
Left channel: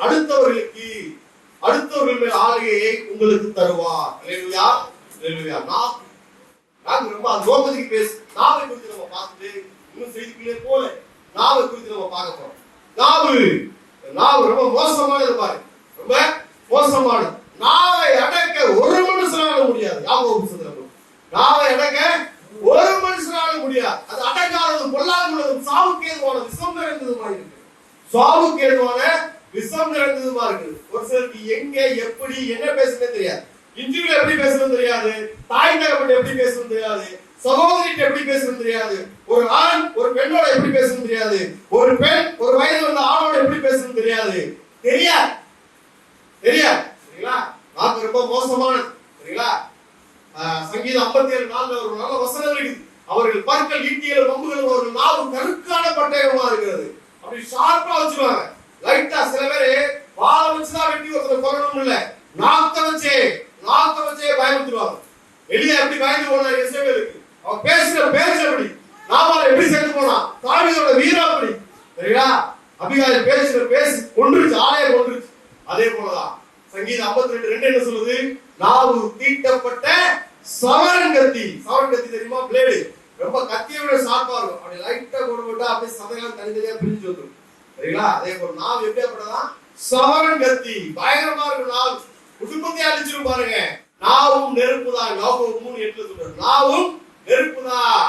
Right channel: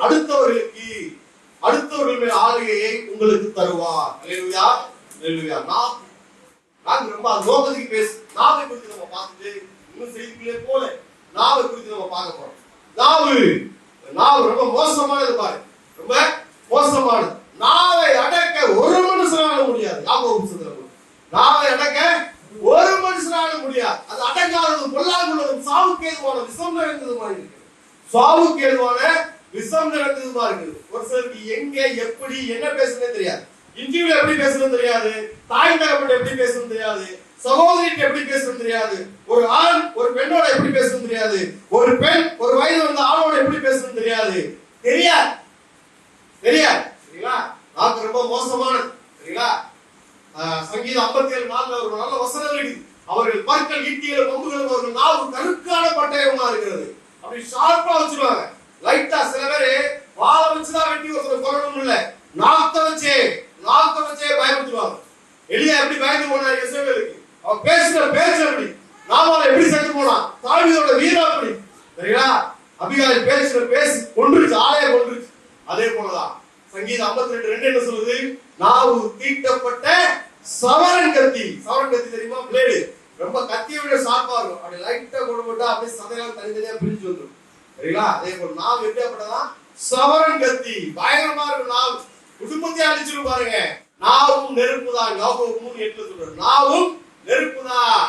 அடுத்தவர்கள் மேல் ஆளுகையை உங்களுக்கு தருவார். அல்லேலூயா, அல்லேலூயா. நாங்க ரொம்ப அந்த நோக்கத்துக்கு பேசு. நாவை குறித்து நம்ம பார்த்துட்டு இன்னும் செய்திக்குள்ளே போல நாவை குறித்து நம்ம பார்க்க போறோம். நாவு ரொம்ப மோசமானது பாரு, ரொம்ப மோசமானது. நாவை அடக்க ஒரு மனுஷனால முடியாது. யாக்கோபு புத்தகத்துல நாவை அடக்க ஒரு மனுஷனால முடியாது. அது அடங்காதது, பொல்லாங்குள்ளது, சாவுக்கு ஏதுவான விஷம் நிறைந்ததுமா இருக்கு. சாவுக்கு ஏதுவான விஷம் நிறைந்ததுமா இருக்குது. ஒரு சிலருக்கு எங்க எப்படி என்ன பேசுறதுன்னு தெரியாது. இன்டர்வியூல எப்படி பேசணும் தெரியாது, தாய் தகப்பன் எப்படி பேசணும் தெரியாது, சகோதரிட்ட எப்படி பேசணும் தெரியாது, ஒரு ஆண் ஒரு பெண்ணோட எப்படி பேசணும் தெரியாது, ஒரு பெண் ஒரு வயது வந்த ஆணோட எப்படி பேசணும் தெரியாது. தெரியாது சரிங்களா? நாக்கு ரொம்ப மோசமானது சரிங்களா? சங்கீதம் 57:4 ஒரு நல்ல வசனம் இருக்குது. அவர்கள் பற்கள் ஈட்டிகள் கொம்புகள் அவர்கள் நாவு கருக்கான பட்டயமா இருக்கிறது. அப்படி ஷார்ப்பா வச்சுருவாங்க. லைட்டா சில பேரு வாழை வச்சுதான் வெட்டி ஒருத்தர் கொல்லணும் இல்ல, நாக்க வச்சே பயமுறுத்துவாங்க. எலியா எப்படி பயந்து போனாரு இஸ்ரவேலுக்கு? அவன் பேசுற பேச்சு எப்படி, நாமால எப்படி சேர்ந்து போனான், தாவீதோட வீரம் அப்படி சரிங்களா? அபிகாயில் பேசுற பேசி கொன்றுச்சு, ஆலய கொன்றுச்சு. அதே போலதான் சங்கீதம் 52:2 என்ன சொல்லுது? நாவு தீட்டப்பட்ட சவரன் கத்தி. சவரன் கத்தி தெரியுமா? பிளேடு ரொம்ப கத்தியை விட ஷார்ப்பா இருக்கும். அப்படி லைட்டா போட்டு அப்படியே சதையால் தனித்தனியா பிரிஞ்சு வந்துடும் சரிங்களா? அதே போல நாவு எப்படியாப்பட்டதான்? சவரன் கத்தி, பயங்கரமா இருக்கும். நாவு குடும்பத்தை அழிச்சிடும் பாருங்க. நாவும் நெருப்புதான். யாக்கோபு 3:8 சொல்றாரு, நாவும் நெருப்புதான்.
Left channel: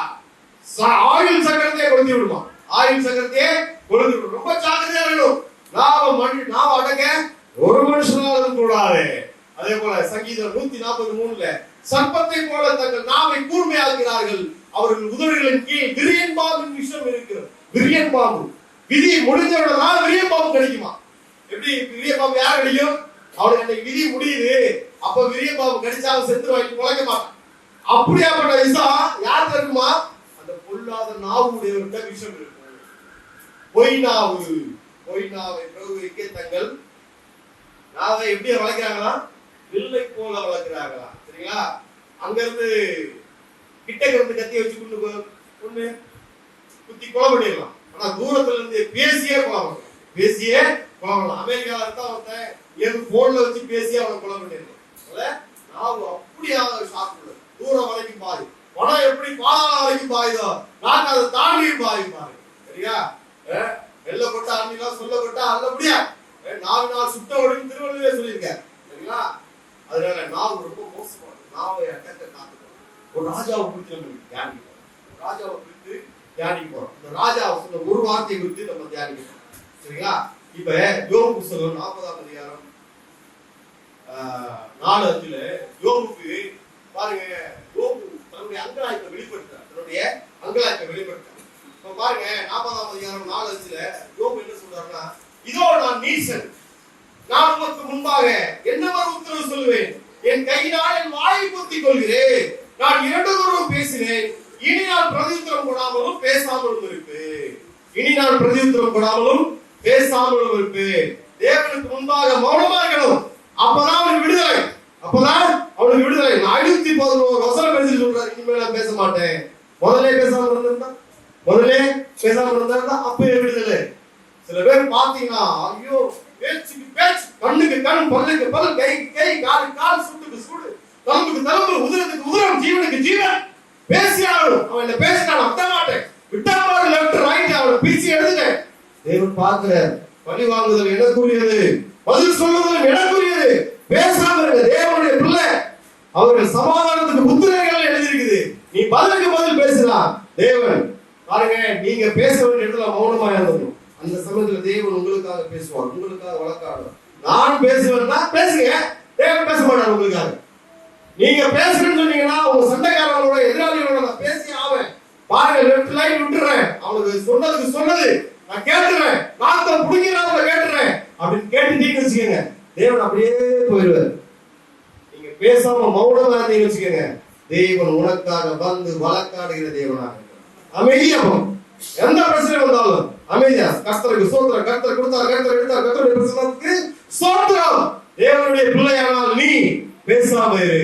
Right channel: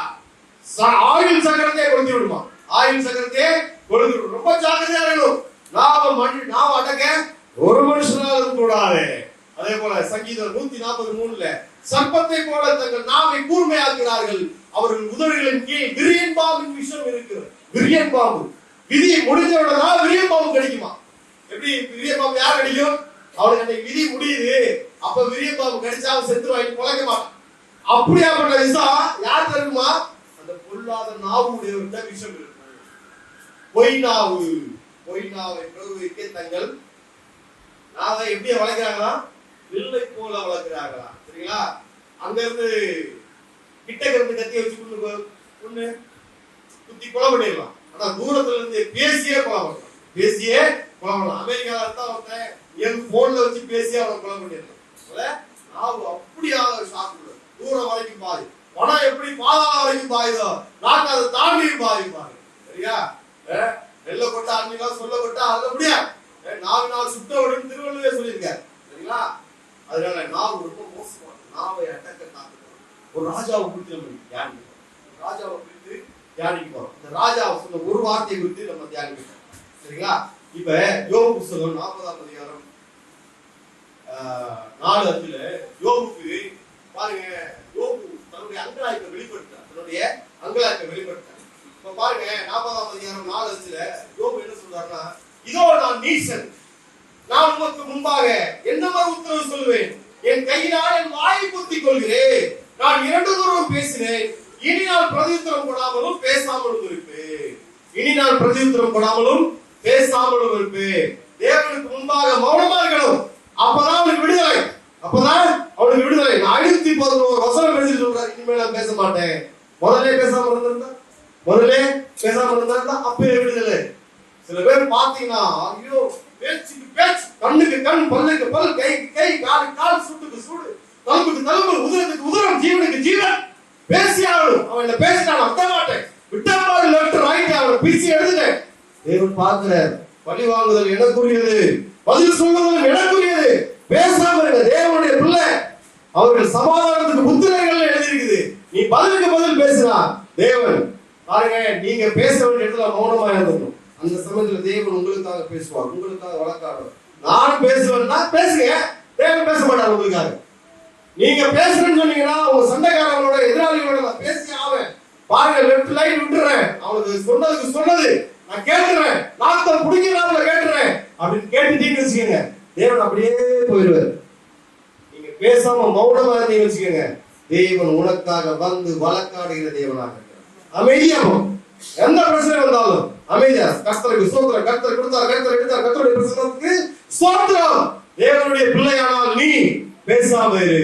ஆயுள் சக்கரத்தை கொளுத்தி விடுமா, ஆயுள் சக்கரத்தை கொளுத்தி விடும். ரொம்ப ஜாக்கிரதையா வேணும். நாவ அடக்க ஒரு மனுஷனால கூடாது. அதே போல சங்கீதம் 143 சர்ப்பத்தை போல தங்கள் நாவை கூர்மையாக்குகிறார்கள், அவர்கள் உதடுகளின் கீழ் விரியன் பாம்பின் விஷம் இருக்கிறது. விரியன் பாம்பு விதி முடிஞ்சவுடனே விரியன் பாம்பு கிடைக்குமா? எப்படி விரியன் பாம்பு யார் அடிக்கும்? அவனுக்கு அன்னைக்கு விதி முடியுது, அப்ப விரியன் பாம்பு கடிச்சா அவன் செத்து வாங்கி குலைக்க மாட்டான். அப்படியாப்பட்ட விஷம் யார் இருக்குமா? அந்த பொல்லாத நாவுடையவர்கிட்ட விஷம் இருக்கு. பொய் நாவை பிரபுவிக்க தங்கள் நாவை எப்படி வளர்க்கிறாங்களா? வில்லை போல வளர்க்கிறாங்களா சரிங்களா? அங்க இருந்து கிட்ட இருந்து கத்திய வச்சு கொண்டு குத்தி கொலை பண்ணிடலாம். ஆனா தூரத்துல இருந்து பேசியே கொலை பண்ணலாம். அமெரிக்கால இருந்தா ஒருத்தன் என் போன்ல வச்சு பேசியே அவனை கொலை பண்ணிடலாம். நாவு அப்படியாக சாப்பிடுறது. தூரம் வரைக்கும் பாதி, பணம் எப்படி பாதாள வரைக்கும் பாயுதோ நாங்க அதை தாண்டியும் பாதிப்பாரு சரியா? வெள்ள கொட்டா அன்னிக்கா சொல்ல கொட்டா அத முடியாது. 4 நாள் சுட்ட அப்படின்னு திருவள்ளுவே சொல்லியிருக்காரு சரிங்களா? அதனால நாவு ரொம்ப மோசமானது. நாவை அடக்க காத்துக்கணும். ஒரு ராஜாவை குறித்து நம்ம தியானிக்கிறோம். இந்த ராஜாவை சொன்ன ஒரு வார்த்தையை குறித்து நம்ம தியானிக்கிறோம் சரிங்களா? இப்ப யோபு புத்தகம் 40ஆம் அதிகாரம் 4:5 யோபுக்கு பாருங்க, யோபு தன்னுடைய அங்கலாய்ப்பை வெளிப்படுத்தார். இப்ப பாருங்க 40ஆம் அதிகாரம் 4:5 யோபு என்ன சொல்றாருன்னா, இதோ நான் நீசன், நான் உமக்கு முன்பாக என்னவென்று உத்தரவு சொல்லுவேன், என் கையினால் என் வாயை பொத்திக் கொள்கிறேன், நான் 2 தூரம் பேசினேன், இனி நான் பிரதியுத்தரம் கொடாமலும் பேசாமலும் இருப்பேன். தேவனுக்கு முன்பாக மௌனமா இருக்கணும். அப்பதான் அவனுக்கு விடுதலை. 511 வசனம் எழுதி சொல்றாரு, இனிமேல் நான் பேச மாட்டேன். முதல்ல பேசாம இருந்தா அப்பவே விடுதலை. சில பேர் பாத்தீங்கன்னா, ஐயோ பேச்சுக்கு பேச்சு, கண்ணுக்கு கண், பல்லுக்கு பல், கை கால், சுட்டுக்கு சூடு, தழும்புக்கு தழும்பு, உதிரத்துக்கு உதிரம், ஜீவனுக்கு ஜீவன். பேசியாகணும். அவன் பேசினான் அத்த மாட்டேன், விட்டாமல் லெப்ட் ரைட் அவனை பிரிச்சு எடுத்துங்க. தேவன் பார்க்கிறார். பழி வாங்குதல் எனக்குரியது, பதில் சொல்லுதல் எனக்குரியது. பேசாம இருங்க. தேவனுடைய பிள்ளை, அவர்கள் சமாதானத்துக்கு முத்திரைகள் எழுதியிருக்குது. நீ பதிலுக்கு பதில் பேசுறா. தேவன் பாருங்க, நீங்க பேச வேண்டிய இடத்துல மௌனமா இருந்தோம். அந்த சமயத்துல தேவன் உங்களுக்காக பேசுவார், உங்களுக்காக வழக்காடுவார். நான் பேசுவேன்னா பேசுங்க, தேவன் பேச மாட்டார் உங்களுக்காக. நீங்க பேசுறேன்னு சொன்னீங்கன்னா உங்க சண்டைக்காரங்களோட எதிராளிகளோட நான் பேசி ஆவேன். பாருங்க, லெஃப்ட் லைன் விட்டுறேன், அவனுக்கு சொன்னது நான் கேட்டுறேன், நாத்தம் புடிக்கிறாங்க கேட்டுறேன் அப்படின்னு கேட்டுட்டீங்கன்னு வச்சுக்கோங்க, தேவன் அப்படியே போயிடுவார். நீங்க பேசாம மௌனமா இருந்தீங்கன்னு வச்சுக்கோங்க, தேவன் உனக்காக வந்து வழக்காடுகிற தேவனாக அமைதியா போகும். எந்த பிரச்சனை வந்தாலும் அமைதியா, கர்த்தருக்கு ஸ்தோத்திரம், கர்த்தர் கொடுத்தார், கர்த்தர் எடுத்தார், கர்த்தருடைய பிரச்சனைக்கு ஸ்தோத்திரம். தேவனுடைய பிள்ளையானால் நீ பேசாம இரு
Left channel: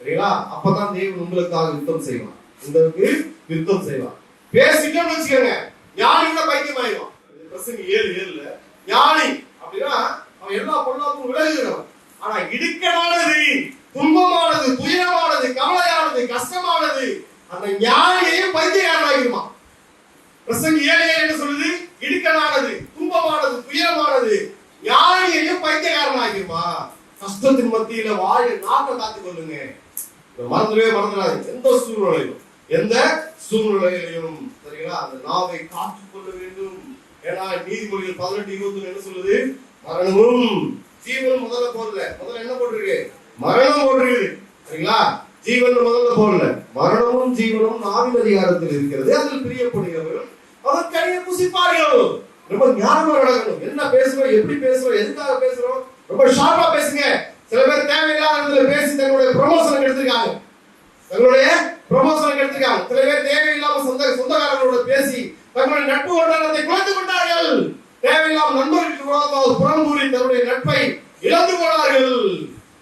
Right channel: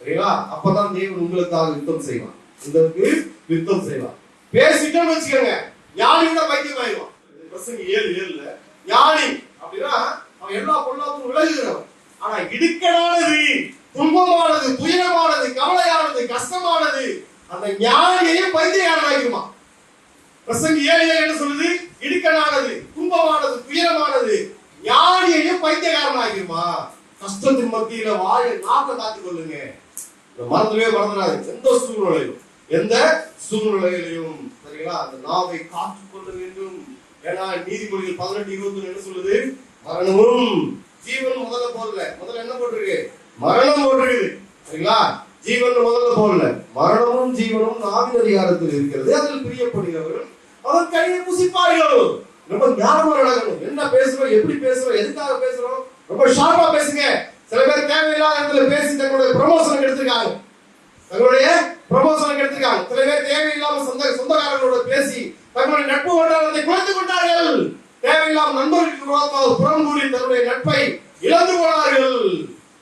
சரிங்களா? அப்பதான் தேவன் உங்களுக்காக யுத்தம் செய்வான். பேசிட்டோம்னு வச்சுக்கோங்க, ஞானி கூட பைத்தியம் ஆயிடுவான். பிரசங்க 7:7 ஞானி அப்படின்னா அவன் எல்லா பொருளாதாரம் விலகுகிறவன். ஆனா இடுக்கமானது, துன்பமானது, துயரமானது, கவலையானது, கஷ்டமானது, அந்த ஞானியையும் பைத்தியக்காரனாகிருமா. பிரசங்கி 7:7 என்ன சொல்லுது? இடுக்கனானது, துன்பமானது, துயரமானது ஞானியையும் பைத்தியக்காரனாகிருமா. கஷ்டத்தின் மத்தியில வாயை நாக்க காத்துக் கொள்ளுங்க. மறந்துடாது. எந்த சூழ்நிலையிலும் சரிங்களா அந்த நாவை காத்துக் கொள்ள வேண்டும். ஏன்னா நீதிமொழிகள் 18:21 என்ன சொல்லுது? மரணமும் ஜீவனும் முதல்ல போடல. முதல்ல என்ன போட்டிருக்கு? மரணம் போட்டிருக்கு. சரிங்களா? ஜீவன் முதல்ல போடல. மரணமும் ஜீவனும் நாவின் அதிகாரத்தில் இருக்கிறது. அதில் பிரியப்படுகிறவர்கள் அவர் கையை புசிப்பார்கள். ரொம்ப ஞானமா நடக்கணும். என்ன பேசுறோம், எப்படி பேசுறோம், எதுக்காக பேசுறோம், ரொம்ப ஷார்ப்பா பேசுங்க. சில பேர் தேவையில்லாத இடத்துல பேசி தங்களுடைய ப்ரமோஷன் எடுத்துருக்காங்க. சில பேர் தேவையில்லாம சொந்தக்காரங்களோட பேசி தங்களுடைய நட்பு வட்டாரத்தை குறைத்து கொண்டார்கள். தேவையில்லாம நண்பர்களுக்கு புறம்பூறி தன்னுடைய நட்பை இழந்து போனார்கள்.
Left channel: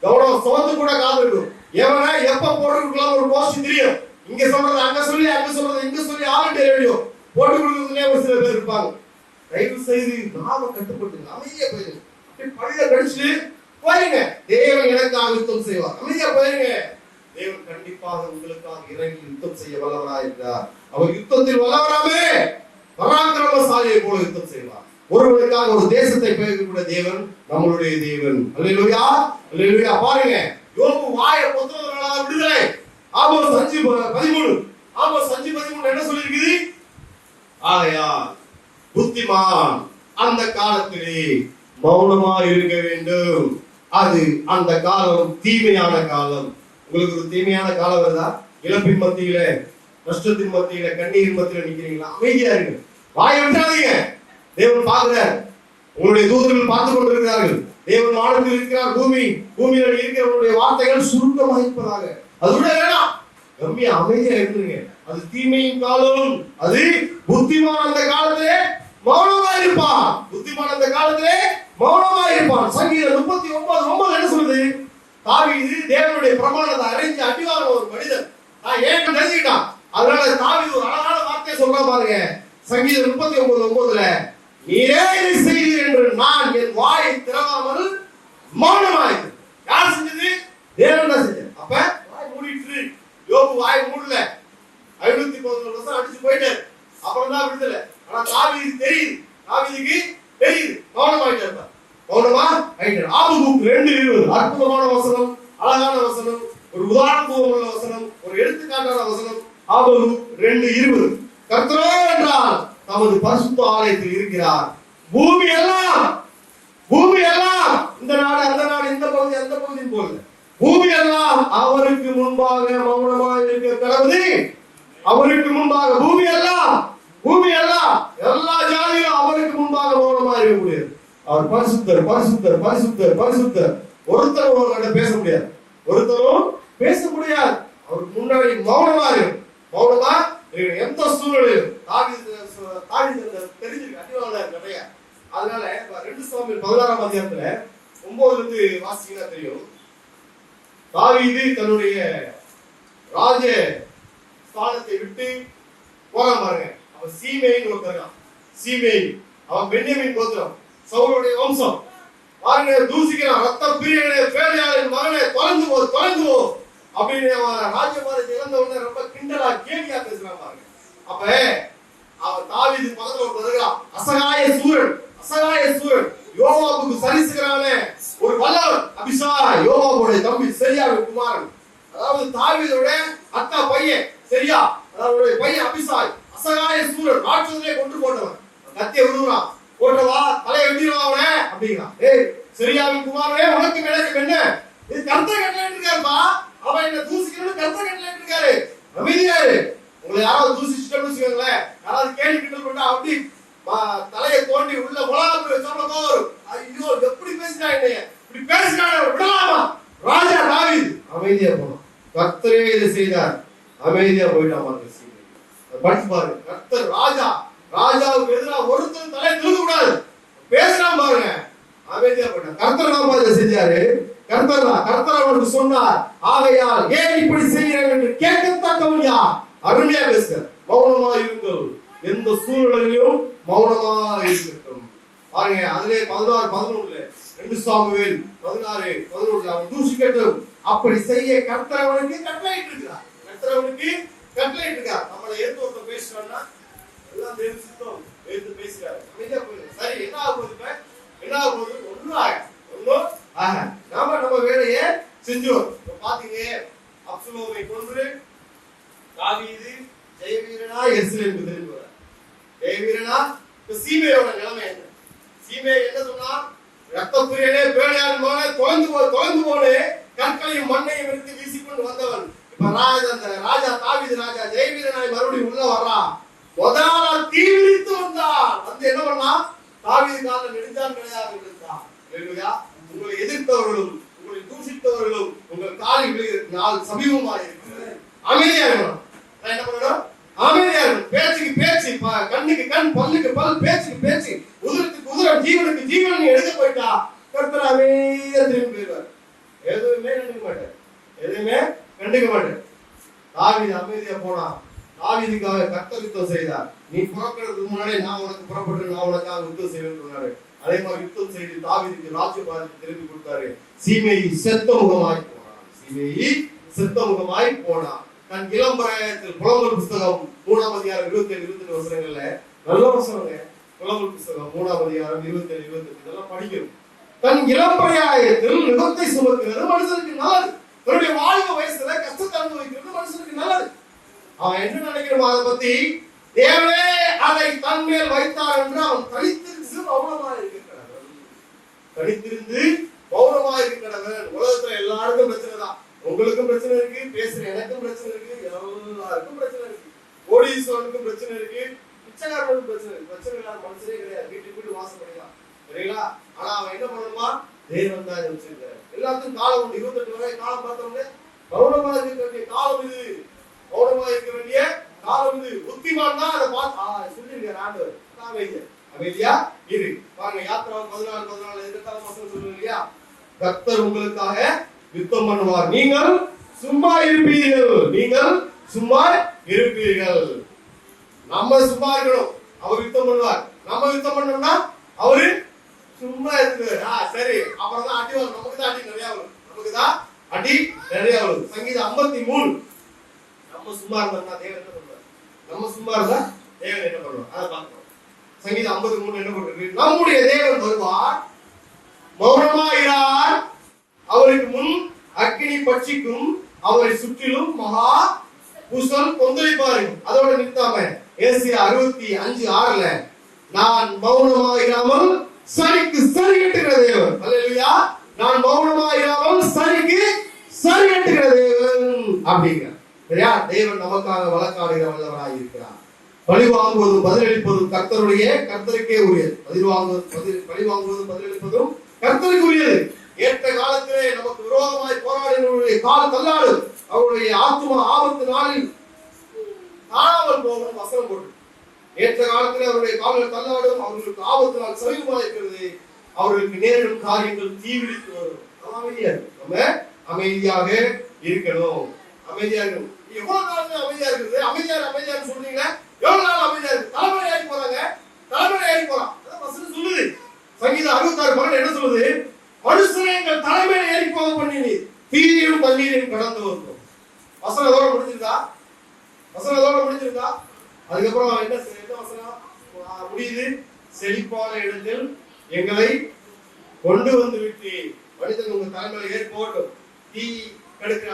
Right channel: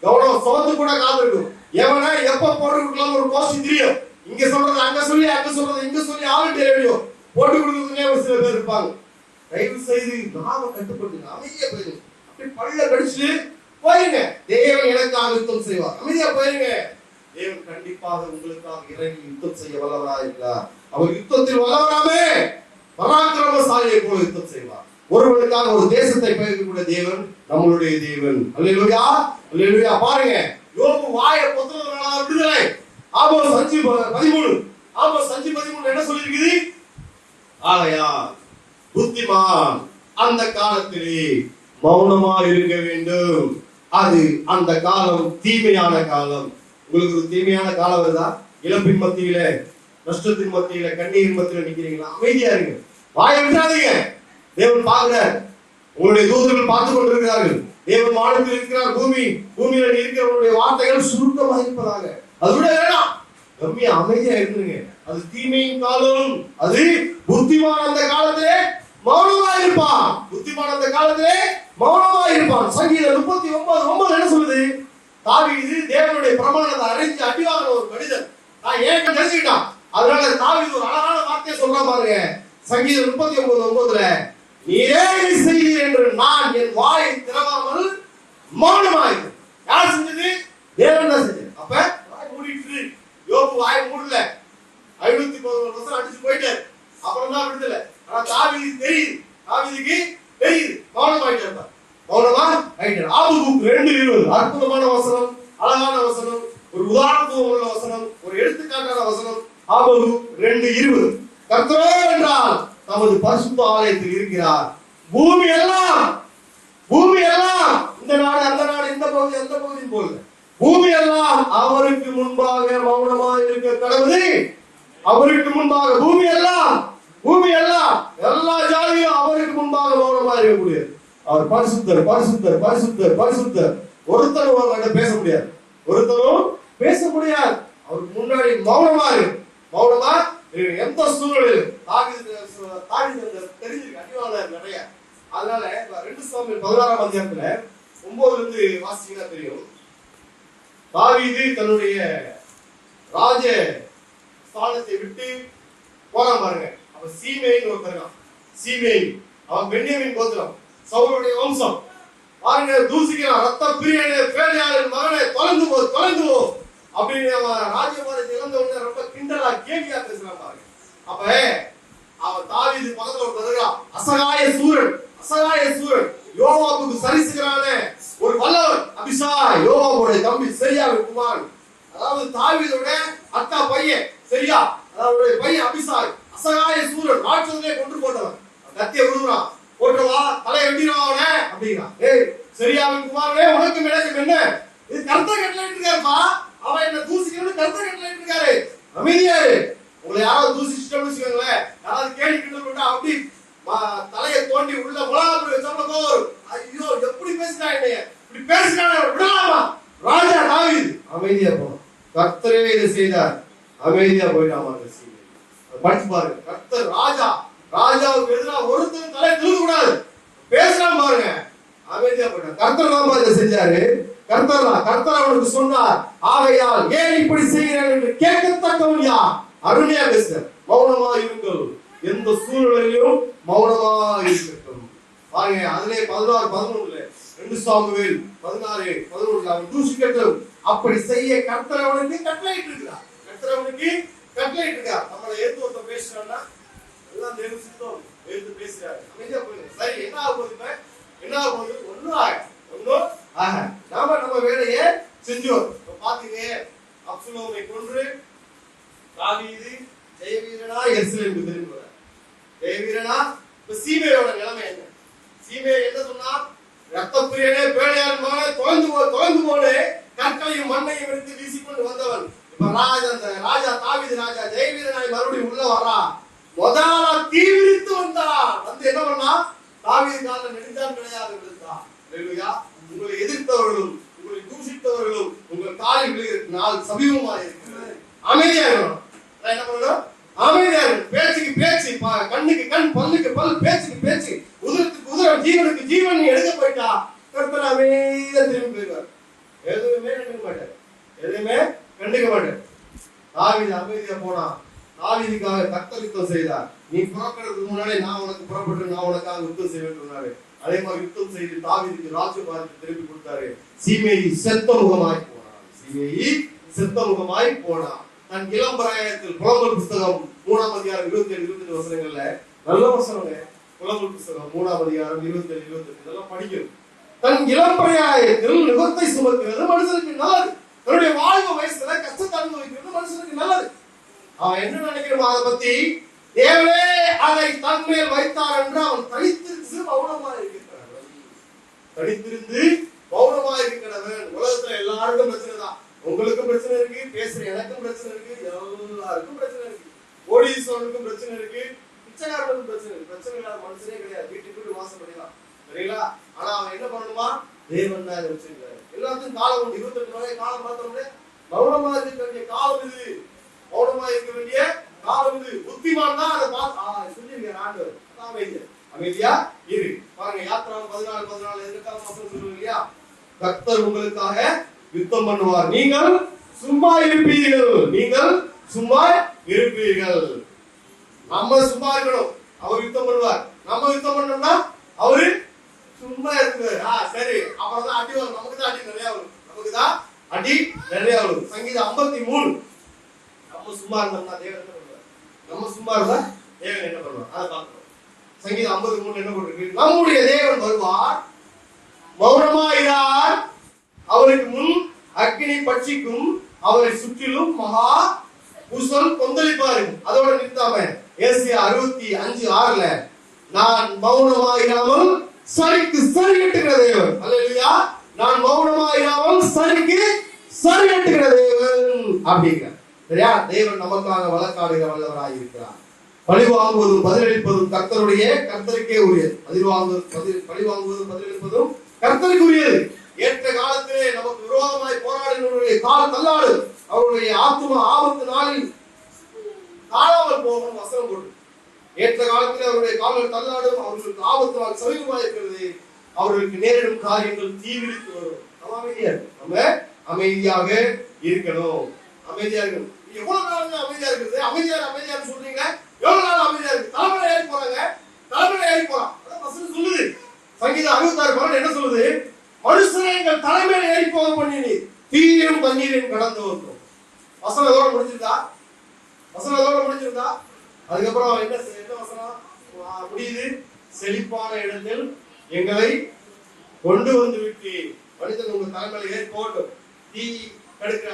கவனம் சுமந்து கூட காது இருக்கும். எவனை எப்ப போட்டுக்கலாம் ஒரு போஸ்ட் தெரியும். இங்க சொல்றது அங்க சொல்லி, அங்க சொல்றது இங்க சொல்லி, ஆளுடைய ரேடியோ போட்டு கொடுக்கறதுனே ஒரு சில பேர் இருப்பாங்க. தயவு செய்து நாம கட்டுப்பட்டு அமைதியா போயிருங்க. பள்ள கடிச்சு போயிருங்க. தேவன் எனக்காக யுத்தம் செய்வார். அமைதியா போயிருங்க. தேவன் கண்டிப்பாக உங்களுக்காக இறங்கி யுத்தம் செய்ய வல்லவராக இருக்கிறார். அவர் யுத்தத்தில் வல்லவராமே பராக்கிரமசாலியை போல யுத்தம் செய்வார். ஒருவருக்காக ஒரு தேசத்தை பெயர்க்கக்கூடிய தேவன் நம்மளுடைய தேவன். அல்லேலூயா, அல்லேலூயா. பாருங்க, யோபு வாயை பொத்துறவர்களாக விடுதலை. ஆமோஸ் 5:13. ஆமோஸ் 5:13 என்ன சொல்லிருக்குது? ஆகையால் புத்திமான் அந்த காலத்திலே மௌனமா இருக்க வேண்டும். அது அந்த காலம் தீமையான காலம். உங்களுக்கு ஒரு தீமையான காலம் வருதா? இழப்பின் மத்தியில, நஷ்டத்தின் மத்தியில, கண்ணீரின் மத்தியில நிக்கிறீங்களா? அமைதியா இருங்க. வாயை விட்டாதீங்க. தேவன் பார்க்கிறார். உங்களுடைய தூதர்கள் பார்த்துக் கொண்டிருக்கிறார்கள். தேவன் வானத்தில் இருக்கிறார். பூமியில இருக்கிறவங்களுடைய வார்த்தைகள் சுருக்கமாக இருப்பதாக. அது விட வேணாம். கம்மியா அமைதியா இருந்துருங்க. அது தீமையின் காலம். அது புத்திமான் அந்த காலத்திலே மௌனமா இருப்பான். புத்திமான் அந்த காலத்திலே மௌனமா இருப்பான். சங்கீதம் 39:9 என்ன சொல்லுது? தாவீது தேவனுடைய பிரமாணத்தை அறிஞ்சு அடிவாங்க ஒரு மனிதன். நான் ஏன் நினைச்சுக்கிட்டான். அதனால தாவீது ஒரு அழகான வார்த்தையை சொல்றான் பாருங்க. சங்கீதம் 39:9 நீரே செய்தீர் என்று நான் என் வாயை திறவாமல் மௌனமாயிருந்தேன். யார் செஞ்சது? தேவன் தான் செஞ்சது. அப்ப வாய் மூடிட்டு யோபு வாய் மூடல. 511 வருஷம் அடிச்சு போயிட்டாரு. அப்புறம் தான் விடுதலை. ஆனா தாவீதுக்கு தெரியுது மௌனமாயிட்டார். மௌனமா ஆயிட்டார். ஆபகுக் 2:20 அற்புதமான வசனம், அழகான வசனம், ஒரு உதாரணத்துவம் உள்ள வசனம், ஒரு எடுத்துக்காட்டான வசனம். ஆபகுக் 2:20 கர்த்தரோ என்றால் நமது பரிசுத்த ஆலயத்தில் இருக்கிறார். பூமி எல்லாம் இந்த நாடு அந்த நாடு, இந்த பகுதி அந்த பகுதி போல பூமி எல்லாம் அவருக்கு முன்பாக மௌனமாக இருக்க கடவுது. அவருக்கு முன்பாக பூமி எல்லாம் எல்லா ஜாதியும் அவருக்கு முன்பாக மௌனமாக இருக்கக்கூடியது. அவர் பரிசுத்தர் பரிசுத்தர் பரிசுத்தர் பரிசுத்தர். ஒருத்தரும் பேச முடியாது. அவருக்கு முன்னாடி மௌனமா இருக்கு. மௌனமா எந்த சூழ்நிலையிலும் தெரிஞ்சிருக்கு. அடிவாளர் நிறைய. அதனால 2 சாமுவேல் 16ஆம் அதிகாரத்துல 9 இருந்து வாசிச்சீங்கன்னா தெரியும். தாவீது தன்னுடைய ராஜ ஸ்தானத்தை விட்டு போறான் பாருங்க. அவன் சீமேயின் ஒருத்தர். சீமேயின் அவன் பென்யமீன் கோத்திரம், சவுலுடைய வம்சம். பாருங்க, தூசிக்கிறான். ரத்த பேரியாளர் மகனே தொலைந்து போ அப்படின்னு அவன் ராஜ்யபாரத்தை இழந்த உடனே ரொம்ப கிண்டலா கேலியா பேசுறான் பாருங்க. அப்ப அவன் தாவீது பக்கத்துல வருகிறான். அசகாய சூரன் யோவாபுக்கு சரிசுகிறான ஒரு வல்லவன் அபிஷாய், யோவாபுடைய தம்பி சரியாவின் குமாரன். அதாவது தாவீதோட அக்கா பையன் சரியா, அதாவது பையன் அபிஷாய் அசகாய சூரன் ராட்சசனே கொண்டு போட்டவன். கத்திய விடுறான். போட்டவா தலையை வெட்டிடுவா அவனே அப்படிங்கிறான். ஏய் சரியாவின் குமாரனே, உனக்கு எனக்கு என்ன? இது கருத்தை கட்டளைட்டு இருக்காருப்பா. அவன் என்ன தூசிக்கணும்னு கருத்தை கட்டளைட்டு இருக்காரு. அமைதியாரு. உங்களை யாராவது தூசிச்சுட்டோம்னு வச்சுக்கோங்களேன், யாராவது கேள்வி கிண்டல் பண்ணா அப்படி தலையை தோண்டி உள்ள முலாப்பு சொல்லப்போ ஐயோ எப்படி பேசினாங்க, இப்படி பேசினாங்க விடலாமா? ராஜா தாவீது அமைதியா போனான். கர்த்தரே இதை செய்தார். அமைதியா போயிட்டான். படிச்சு பாருங்க. கர்த்தர் ராஜாவுக்கு எதிராக ஒருத்தரும் தலையை திரும்ப கூடாது. பேசுறான் பாருங்க. அமைதியா போயிட்டான். கர்த்தர் தான் இதை செஞ்சாரு. கர்த்தர் அவனுக்கு சொன்னார். ஆகையால் ஏன் இப்படி செய்கிறேன் என்று கேட்கத்தக்கவன் யார்? அருமையா பேசுற. மௌனமா இருங்கள். எந்த சூழ்நிலையிலும் மௌனமா இருக்கட்டும். பாருங்க, அதிலே 16:11 2 சாமுவேல் 16:11 அவன் தூசிக்கட்டும். அப்படி செய்ய கர்த்தர் அவனுக்கு கட்டளையிட்டு இருக்கிறார். கர்த்தர் அவனுக்கு கட்டளை இருக்கா? நம்மளை எடுத்து ஒருத்தர் பேசுறான்னா எல்லாம் தெரிஞ்சுட்டோம், எடுத்து பேசுறாரு, அமைதியா போயிடும். சரி, என்ன ஆக போகுது? என்ன ஆக போகுது? ஒன்னும் ஆக நம்ம வேலையை செஞ்சோம். பாத்தீங்க, அப்சலோமை கொன்று தாவீது ஜெயவீரனா எருசலேமுக்கு திரும்பி வர. ஜெயவீரனா இப்ப சீமையோட நிலைமை என்ன? சீமை என்ன சொன்னா, ரத்தப்புரியனே பேழையான் மகனே தொலைந்து போனே கற்களையும் மண்ணையும் எடுத்து வீசிக்கொண்டு வந்தவன். இப்ப ராஜா தாவீது ராஜா ஜெயவீரனாய் மறுபடியும் உள்ள வர்றா. முதலா தீவிரித்து வந்தான். வந்து என்ன பண்ணா, தாவீது கால நெடுஞ்சான் கிடையாது விழுந்தான். உங்களை எதிர்த்தவர்களும் உங்களை தூஷித்தவர்களும் உங்கள் காலில் விழுகிற நாள் சமீபமாக இருக்கிறது. அமைதியா இருக்கணும். என்ன பண்ணணும்? அமைதியா இருக்கணும். பேச்சுக்கு பேச்சு, கண்ணுக்கு கண், பல்லுக்கு பல், பேச்சுக்கு பேச்சு, உதிரத்துக்கு உதிரம், ஜீவனுக்கு ஜீவன் எழுத போயிட்டா கர்த்தர் அமைதியா திரும்பி போயிடுவார். எதுவுமே கண்டுக்க மாட்டார், எதுவுமே கண்டுக்க மாட்டார். தாவீது அமைதியா போனா. தாவீதுக்காக கர்த்தர் யுத்தம் செய்தார். நீ புறப்படுறதுக்கு முன்னாடி நான் உனக்கு புறப்பட்டு நான் உனக்காக யுத்தம் செய்வேன் சொன்னாரு. அதே மாதிரி யுத்தம் செய்து தாவீதுக்கு ராஜ்யபாரத்தை திருப்பி கொடுத்தாரு. சீமேயி செத்த முகமாய் போனான். சீமேயி செத்த முகமாய் போனான். தன் இளம் பிராயத்தில் புலம்பல் புஸ்தகம் 3ஆம் அதிகாரம் 27-28 வசனங்கள்ல நல்ல வசனங்க. புலம்பல் புஸ்தகம் 3ஆம் அதிகாரம் 27-28 இதெல்லாம் படிக்கணும். தன் இளம் பிராயத்தில் நுகத்தை சுமக்கிறது மனுஷனுக்கு நல்லது. தன்னுடைய வாழ்வு வயசுல கஷ்டத்தை அனுபவிக்கிறது மனுஷனுக்கு நல்லது. அவன் என்ன நினைக்கிறோம் அதை பத்தி? தேவனே அதை தன் மேல் வைத்தார் என்று அவன் தனித்திருந்து மௌனமாக இருக்கிறவன். தனித்திருந்து மௌனமாக இருக்கிறவன். உலகத்துல எல்லாருக்கும் பிரச்சனை தான். உங்களுக்கும் பிரச்சனை இருக்கு, பேசுற எனக்கும் பிரச்சனை இருக்கு, எல்லாருக்கும் பிரச்சனை இருக்கு. கோடீஸ்வரனுக்கும் பிரச்சனை இருக்கு, பிச்சைக்காரனுக்கும் பிரச்சனை இருக்கு. பிரச்சனை இல்லாத மனுஷனே கிடையாது. வீட்டுக்கு வாசப்படிதான், சரிங்களா? ஆனா அவன் என்ன பண்ணுமா? தேவன் தான் வச்சிருக்காரு. எல்லாத்துக்கும் காலம் உண்டு. 28 வரை காலம் பார்த்தோம்னே மௌனமாக இருக்க வேண்டிய காலம் இது. மௌனமாக இருக்க வேண்டிய காலம் இது. புத்திமான் தான் அதை பார்த்து சொல்லிருக்காரு ஆண்டவர். அமைதியா இரு. பாருங்க, யாத்திராவும் 14 எதிர்காலம் வசனம் சொல்லுங்க இல்லையா? கர்த்தர் உங்களுக்காக யுத்தம் பண்ணுவார், நீங்கள் சும்மா இருப்பீர்கள். நீங்கள் சும்மா இருப்பீர்கள். நம்ம சும்மா இருக்கணும், அவர் யுத்தம் பண்ணுவார். நம்ம யுத்தம் பண்ணோம்னா அவரு சும்மா இருக்காரு. சரி, அப்புறம் தான் அடி வரும். நமக்கு தான் அடி நிறைய வரும். நமக்கு தான் அடி நிறைய வரும். சங்கீதம் 53. நம்ம சும்மா இருந்தா தேவன் என்ன பண்ணுவார்? நம்ம சும்மா இருந்தா தேவன் என்ன பண்ணுவார்? அதை பார்க்கணும். சங்கீதம் 53 என்ன போட்டிருக்கு? நம்முடைய தேவன் வருவார், மௌனமாயிரார், அவருக்கு முன் அக்கினி பட்சிக்கும், அவரை சுற்றிலும் மகா புசல் கொந்தளிப்பார்கள். அதோட நிறுத்தாம ஏசாயா 65:6 நான் மௌனமாயிராமல் சரிக்கு சரி கட்டுகிற தேவன். அல்லேலூயா. நான் மௌனமாயிராமல் சரிக்கு சரி கட்டுகிற தேவன் அப்படிங்கிறார். சரியா? தேவன் நமக்காக வழக்காடுகிற வல்லவராய் இருக்கிறார். பழி வாங்குவதும் பதிலளிப்பதும் கர்த்தருக்கே உரியது. பழி வாங்குவதும் பதிலளிப்பதும் கர்த்தருக்கு உரியது. ஏற்ற காலத்திலே நமக்கு விரோதமாய் போராடினவருடைய கால தள்ளாடு, அவருடைய ஆத்தும ஆபத்து நாளில் காணாமல் போகும் வசனம் போட்டு. ஏற்ற காலத்திலே அவருடைய கால்கள் தள்ளாடும், அவர்களுக்கு ஆபத்து நாள் சமீபமாக இருக்கிறது, அவர்களுக்கு நேரிடும் காரியங்கள் தீவிரித்து வரும். நம்ம அமைதியா இருக்கணும். நம்ம அமைதியாக இருக்கணும். அமைதியா இருக்கணும். எவ்வளவு நாள் அமைதியா இருக்குது? அமைதியா சொல்றீங்க. எவ்வளவு நாள் அமைதியா இருக்கு? தலைமுறை ஏறி போறாங்க, தலைமுறை ஏறி போறான். அதான் வசனம் சொல்லுது. சங்கீதம் 66:12 என்ன சொல்லுது? மனுஷனை எங்கள் தலைமையில ஏறி போக பண்ணி தீரையும் தண்ணீரையும் கடந்து வந்தோம். வசனத்தோட முடிஞ்சிருந்தா? அதுக்கப்புறம் என்ன வசனம் முடியுது? செழிப்பான இடத்தில் எங்களை கொண்டு வந்து விட்டு மனிதன் உங்க தலைமையில ஏறி போகட்டும். தீ கிடக்கிற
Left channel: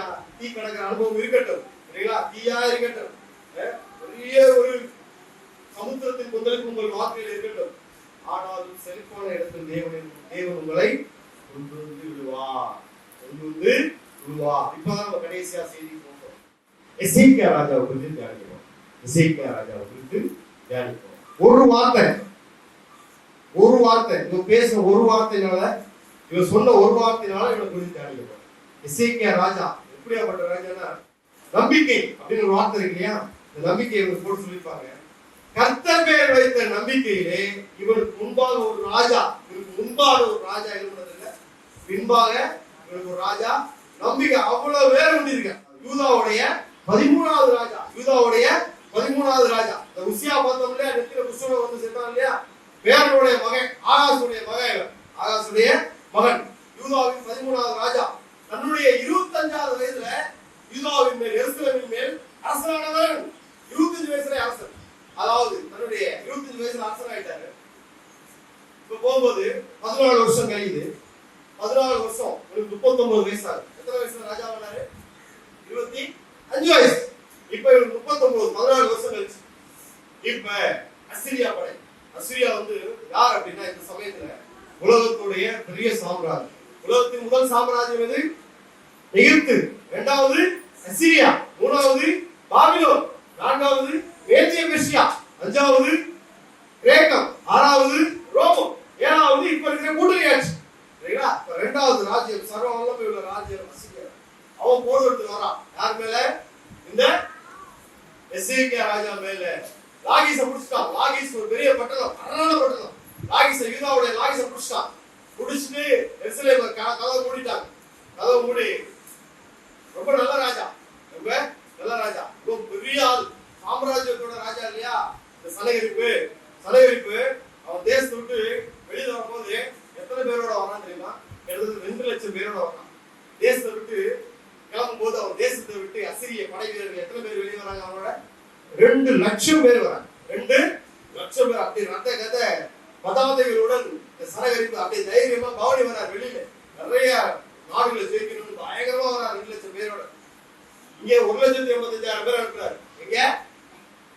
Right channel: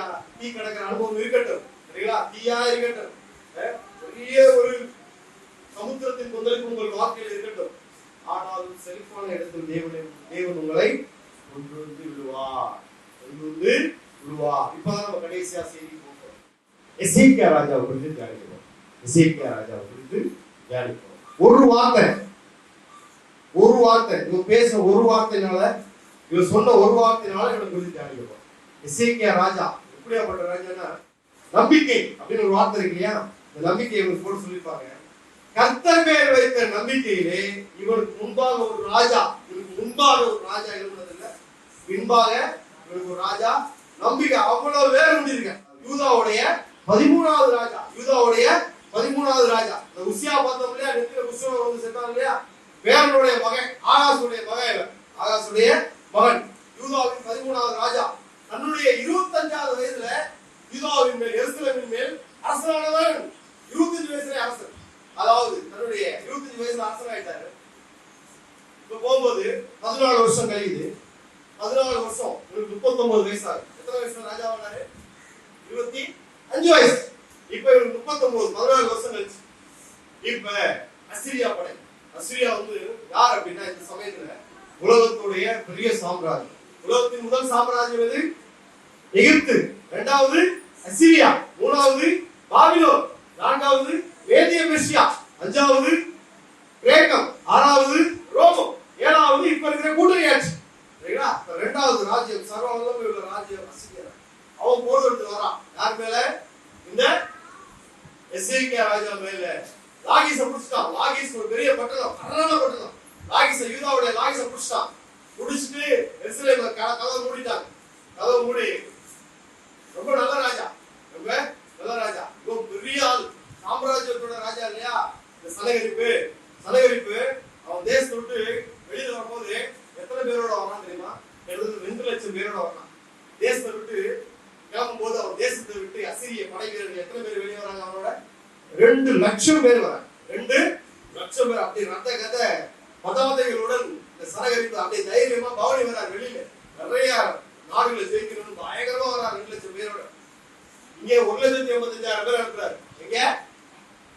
அனுபவம் இருக்கட்டும், சரிங்களா? தீயா இருக்கட்டும், பெரிய ஒரு சமுத்திரத்தின் கொந்தளிப்பு உங்கள் வாழ்க்கையில் இருக்கட்டும். ஆனாலும் செழிப்பான இடத்தில் தேவன் உங்களை கொண்டு வந்து விடுவார். இப்பதான் நம்ம கடைசியா செய்தி போகிறோம். எசேக்கியா ராஜாவை குறித்து தியானிக்கிறோம். ஒரு வார்த்தை இவன் பேச, ஒரு வார்த்தைனால, இவன் சொன்ன ஒரு வார்த்தைனால இவனை குறித்து தியானிக்கிறோம். எசேக்கியா ராஜா எப்படியாப்பட்ட ராஜானா, நம்பிக்கை அப்படின்னு ஒரு வார்த்தை இருக்கு இல்லையா? இந்த நம்பிக்கையை இவனுக்கு போட்டு சொல்லியிருப்பாங்க. கர்த்தர் பேர் வைத்த நம்பிக்கையிலே இவனுக்கு முன்பாக ஒரு ராஜா, எழுந்ததில்லை, பின்பாக இவனுக்கு ஒரு ராஜா. நம்பிக்கை அவ்வளவு வேறு முடியிருக்க. யூதாவுடைய 13வது ராஜா. இந்த உசியா பார்த்தோம் இல்லையா? நெத்தில புஷ்பம் வந்து செத்தாங்க இல்லையா? பேரனுடைய மகன், ஆகாசுடைய மகன், யூதாவின் 13வது ராஜா. தன்னுடைய 25வது வயதுல யூதாவின் மேல், எருசலேமின் மேல் அரசனானவன் 25 வயசுல அரசன், அதாவது தன்னுடைய 25 வயசுல அரசன் ஆயிட்டாரு. இப்ப போகும்போது 14 வருஷம் கழியுது. 14 வருஷம், 39 வயசு ஆகுது. எத்தனை வயசுல ராஜாவானாரு? 25 வயசு. இப்ப 39, 14 வருஷம் கழிச்சு இப்ப அசிரியா படை. அசிரியா யார் அப்படின்னா இந்த சமயத்துல உலகத்துடைய பெரிய சாம்ராஜ்யம். உலகத்தின் முதல் சாம்ராஜ்யம் எது? எகிப்து. இரண்டாவது அசிரியா. மூணாவது பாபிலோன். நான்காவது மேதிய பெர்சியா. அஞ்சாவது கிரேக்கம். ஆறாவது ரோமம். ஏழாவது இப்ப இருக்கிற கூட்டணி ஆட்சி. சரிங்களா? இரண்டாவது ராஜ்யம், சர்வ வல்லமை உள்ள ராஜ்யம் அசிரியா. அவன் போர் எடுத்து வரான். யார் மேல? இந்த எசேக்கியா ராஜா மேல. லாகீஸை புடிச்சிட்டான். லாகீஸ் ஒரு பெரிய பட்டணம், அரணான பட்டணம். லாகீஸை, யூதாவுடைய லாகீஸை புடிச்சிட்டான். புடிச்சிட்டு எருசலேம் கதவை மூடிட்டாங்க. கதவை மூடி, ரொம்ப நல்ல ராஜா, ரொம்ப நல்ல ராஜா, ரொம்ப பெரிய ஆள், சாம்ராஜ்யத்தோட ராஜா இல்லையா? இந்த சனகரிப்பு அவன் தேசத்தை விட்டு வெளியில வரும்போது எத்தனை பேரோட வரான் தெரியுமா? 2 லட்சம் பேரோட வரான். தேசத்தை விட்டு கிளம்பும் போது அவன் தேசத்தை விட்டு அசிரிய படை வீரர்கள் எத்தனை பேர் வெளியே வராங்க? அவனோட 2 லட்சம் பேர் வராங்க. 2 லட்சம் பேர். அப்படி ரத்த கதை பதாதைகளுடன் சனகரிப்பு அப்படியே தைரியமா பவனி வரார். வெளியில நிறைய நாடுகளை ஜெயிக்கணும்னு பயங்கரமா வரார் 2 லட்சம் பேரோட. இங்க 1,85,000 பேர் அனுப்புறாரு. எங்க?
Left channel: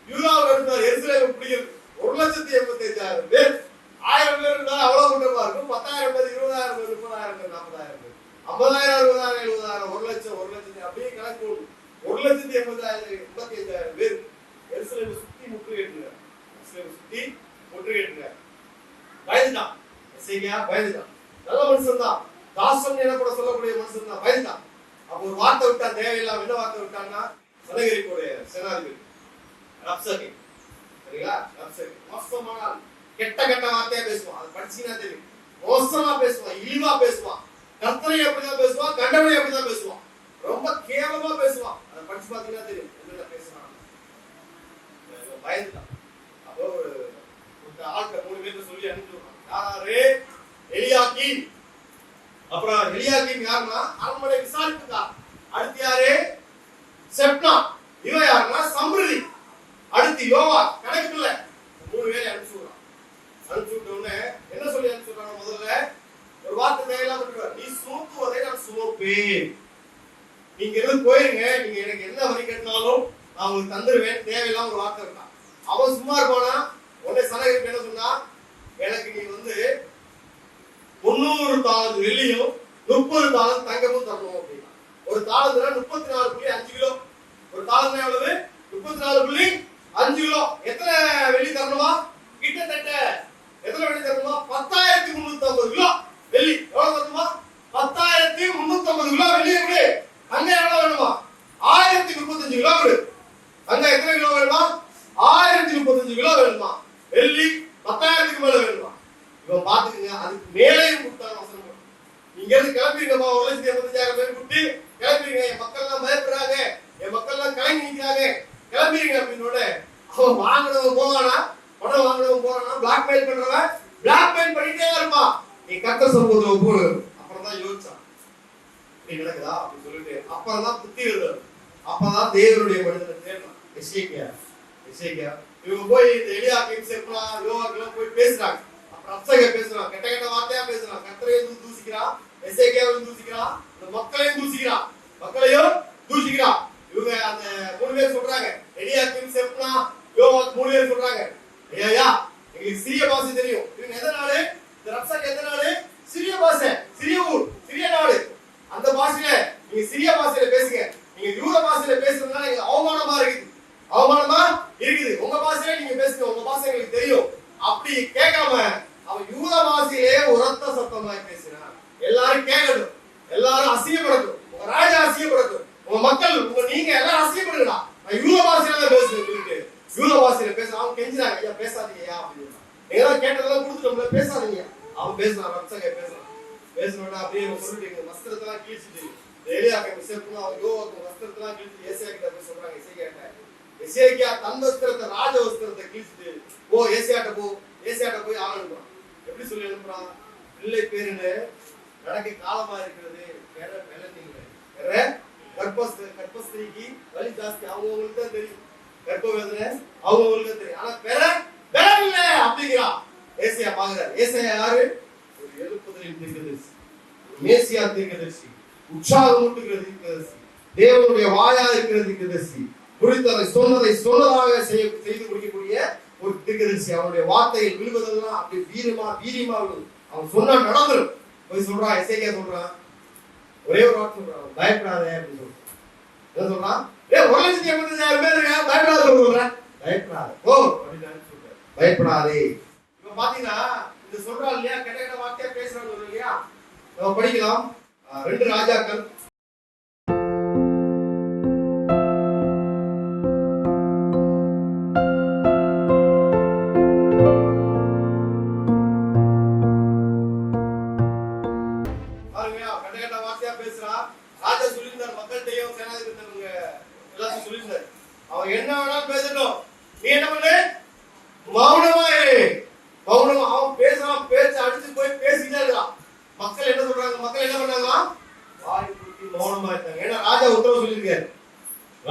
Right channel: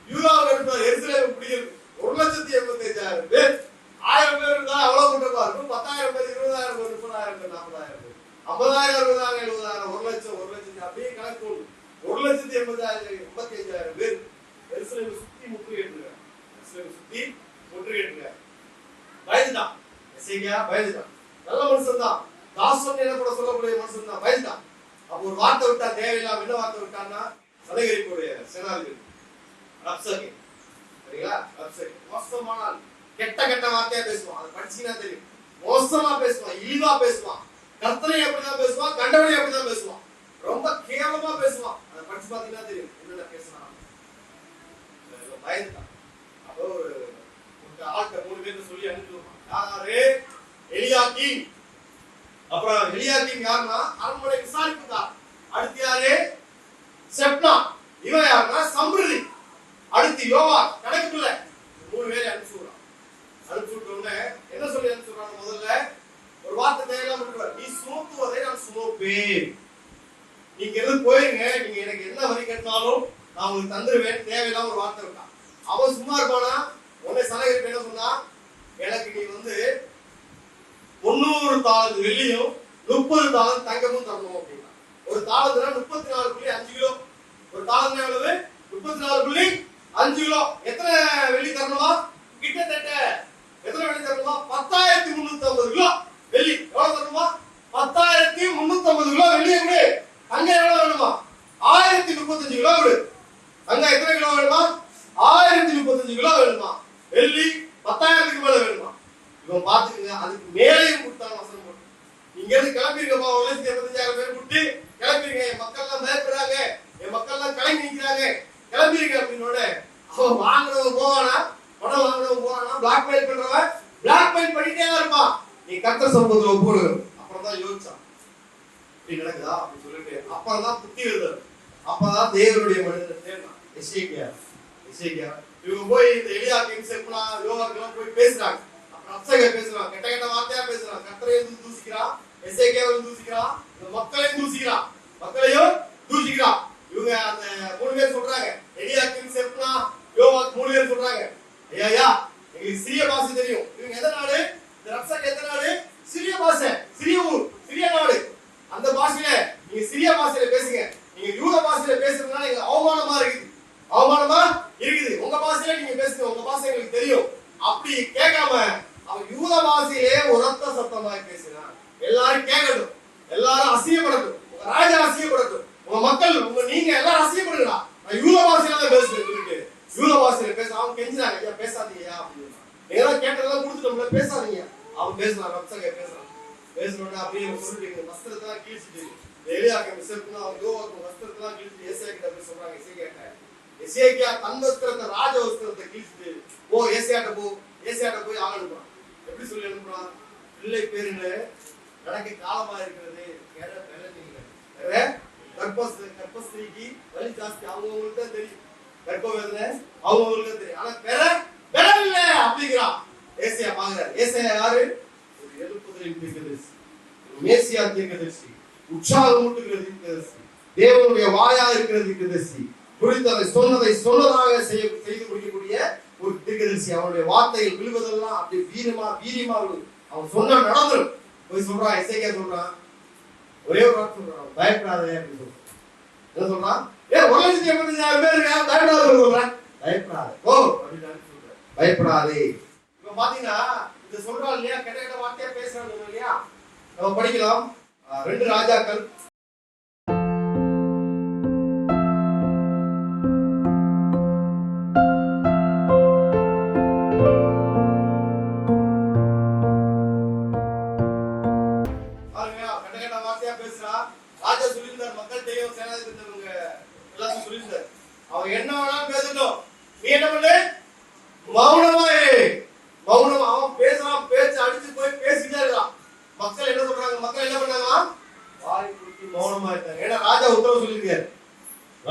யூதாவுக்கு அனுப்புறாரு. எருசலேம் பிடிக்கிறது 1,85,000 பேர். 1000 பேர் இருந்தா அவ்வளவு கொண்டு இருக்கும். 10,000 பேர், 20,000 பேர், 30,000 பேர், 40,000 பேர், 50,000, 60,000, 70,000, 1 லட்சம் அப்படியே கணக்கு 1,85,000 பேர் எருசலேமை சுத்தி முற்றுகையிட்டாங்க. பயந்துட்டான். எசேக்கியா பயந்துட்டான். நல்ல மனுஷன் தான், தாசன் என கூட சொல்லக்கூடிய மனுஷன் தான், பயந்துட்டான். அப்ப ஒரு வார்த்தை விட்டான், தேவையில்லாம. என்ன வார்த்தை விட்டான்னா, சனகரிப்புடைய சேனாதிபதி ரப்சகே. சரிங்களா? ரப்சகே மோசமான கெட்ட வார்த்தையா பேசுவான். அதை படிச்சீங்கன்னா தெரியும். மோசமா பேசுவான், இழிவா பேசுவான், கர்த்தனை அப்படிதான் பேசுவான், கண்டவனை அப்படிதான் பேசுவான், ரொம்ப கேவலமா பேசுவான். அதை படிச்சு பாத்தீங்கன்னா தெரியும் என்னென்ன பேசுவான். பயந்துட்டான். அப்போ ஒரு ஆட்கள் 3 பேர் சொல்லி அனுப்பிடுவான். யாரு? எலியாக்கீம். அப்புறம் எலியாக்கீம் யாருன்னா அரண்மனை விசாரிப்புக்கார். அடுத்து யாரு? செப்னா. இவன் யாருன்னா சம்ருதி. அடுத்து யோவா. கணக்குல 3 பேரை அனுப்பிச்சுடுறான். அனுப்பிச்சுட்ட உடனே என்ன சொல்லி அனுப்பிச்சுடுறான்? முதல்ல ஒரு வார்த்தை தேவையில்லாம விட்டுருவார். நீ சுமத்துவதை நான் சுமப்பேன். நீங்க எதுவும் போயிருங்க, நீங்க எனக்கு என்ன வரி கட்டினாலும் நான் உங்களுக்கு தந்துருவேன். தேவையில்லாம ஒரு வார்த்தை விட்டான். அவன் சும்மா இருப்பானா? உடனே சனகரிப்பு என்ன சொன்னா, எனக்கு நீ 300 தாளந்து வெள்ளியும் 30 தாளந்து தங்கமும் தரணும் அப்படின்னா. ஒரு தாளந்துனா 34.5 கிலோ. ஒரு தாளந்து எவ்வளவு? 34.5 கிலோ. எத்தனை வெள்ளி தரணுமா? கிட்டத்தட்ட எத்தனை வெள்ளி தரணுமா? 10,350 கிலோ வெள்ளி. எவ்வளவு தரணுமா? 10,350 கிலோ வெள்ளி. எப்படி? தங்கம் எவ்வளவு வேணுமா? 1035 கிலோ விடு. தங்கம் எத்தனை கிலோ வேணுமா? 1035 கிலோ வேணுமா? வெள்ளி 10,000க்கு மேல வேணுமா? இவன் பாத்துக்கங்க, அதுக்கு மேலேயும் கொடுத்தாங்க வசனம். நீங்க இருந்து கிளம்பிருங்கப்பா, 1,85,000 பேர் கூட்டி கிளம்பிருங்க, என் மக்கள் எல்லாம் பயப்படுறாங்க, என் மக்கள் எல்லாம் கலங்கி நிக்கிறாங்க, கிளம்பிருங்க அப்படின்னோட அவன் வாங்கினவன் போவானா? பணம் வாங்கினவன் போவானா? பிளாக்மெயில் பண்றவன் பிளாக்மெயில் பண்ணிட்டே இருப்பான். நீ கர்த்தர் சமூகத்துல போடு. அப்புறம் தான் யோசிச்சான், இப்படி நடக்குதா அப்படின்னு சொல்லிட்டு அப்புறம் தான் புத்தி எழுதுறாரு. அப்பதான் தேவனுடைய மனிதன் தேர்ந்தான் எசேக்கியா. இவங்க போய் இந்த எலியாக்கீம், செப்னா, யோவாக்கெல்லாம் போய் பேசுறாங்க. அப்புறம் ரப்சகே பேசுறான், கெட்ட வார்த்தையா பேசுறான். கர்த்தரையும் தூசிக்கிறான், எசேக்கியாவையும் தூசிக்கிறான், இந்த மக்களையும் தூசிக்கிறான். இவங்க அந்த 3 பேர் சொல்றாங்க, எலியாக்கீம், செப்னா, யோவாக் 3 பேர் சொல்றாங்க, ஐயா எங்களுக்கு சிறிய பாஷை தெரியும். இவங்க எந்த நாடு? இந்த ரப்சகே எந்த நாடு? சிறிய பாஷை, சிறிய ஊர், சிறிய நாடு. அந்த பாஷையில நீங்க சிறிய பாஷையில பேசுங்க. நீங்க யூத பாஷையில பேசுறதுனால எங்களுக்கு அவமானமா இருக்குது. உங்க பாஷையில நீங்க பேசுங்க, உங்க பாஷை எங்களுக்கு தெரியும். அப்படி கேட்காம அவன் யூத பாஷையிலே உரத்த சத்தமாய் பேசினான். எல்லாரும் கேட்கட்டும், எல்லாரும் அசியப்படட்டும், உங்க ராஜா அசியப்படட்டும், உங்க மக்கள், நீங்க எல்லாரும் அசியப்படுங்களா, நான் யூத பாஷையில பேசுறேன் சொல்லிட்டு யூத பாஷையில பேச அவன் கெஞ்சினாங்க, ஐயா பேசாதீங்க அப்படின்னு. நீங்க தான் கேட்டதெல்லாம் கொடுத்துட்டோம்ல, பேசாதீங்க. அவன் பேசுறான், ரப்சகே பேசுறோட அப்படியே சொல்லிட்டு வஸ்திரத்தெல்லாம் கிழிச்சிட்டு எலியாக்கீம், செப்னா, யோவாக்கு வஸ்திரத்தெல்லாம் கிழிச்சிட்டு ஏசாயா கிட்ட போய் சொல்றாங்க. எசேக்கியா தன் வஸ்திரத்தை, ராஜ வஸ்திரத்தை கிழிச்சிட்டு ஏசாயாட்ட போய் ஆள் அனுப்புறான். எப்படி சொல்லி அனுப்புறான்? பிள்ளை பேருன்னு நடக்க காலமா இருக்கிறது, வேற கர்ப்பஸ்திரிக்கு வலி ஜாஸ்தி, அவங்களுக்கு தான் தெரியும். கர்ப்ப வேதனை அவங்களுக்கு தெரியும். ஆனா பெறவில்ல அப்படிங்கிறான். ஏசாயா பாக்குறாரு. ஏசாயா யாரு? ஒரு எழுப்புதலின் தீர்க்கதரிசி, மேசியா தீர்க்கதரிசி, உற்சாகமூட்டுகிற தீர்க்கதரிசி, தேவனுடைய வாயா இருக்கிற தீர்க்கதரிசி, குறித்ததை சொன்னதாக செய்து முடிக்கக்கூடிய ஒரு தீர்க்கதரிசி. அவனுடைய வார்த்தையில் விழுவதெல்லாம் அப்படி வீரியமா அவன் சொன்னா நடந்துரும். போய் சொல்றான், எசேக்கியா சொல்றான், ஒரே ஒரு வார்த்தை சொல்றான், பயப்படாதே அப்படின்னு சொல்றான். என்ன சொல்றான்? 1,85,000 பேர் இருக்காங்க, பயப்படாத சொல்றேன், பயப்படாதே ஓ அப்படின்னு சொல்றேன், பயப்படாதே. இப்ப பாத்தீங்கன்னா இது சொல்றான் இல்லையா, கெட்ட வார்த்தையா பேசுறாங்க இல்லையா. நம்ம படிக்கலாம் 2 ராஜாக்கள் என்ன வேணாலும் பேசட்டும், நீ என்ன பண்ணு, மௌனமா இரு. மௌனம். அவன் பேசுறான், பேச்ச அடிச்சு போய் பேசிட்டே இருக்கான். மக்கள் என்ன சொல்றாங்க? மக்கள் என்ன பண்ணாங்க? வாய் பூட்டி மௌனமா இருந்தாங்க. ஏன்னா ராஜா உத்தரவு சொல்லியிருக்காரு,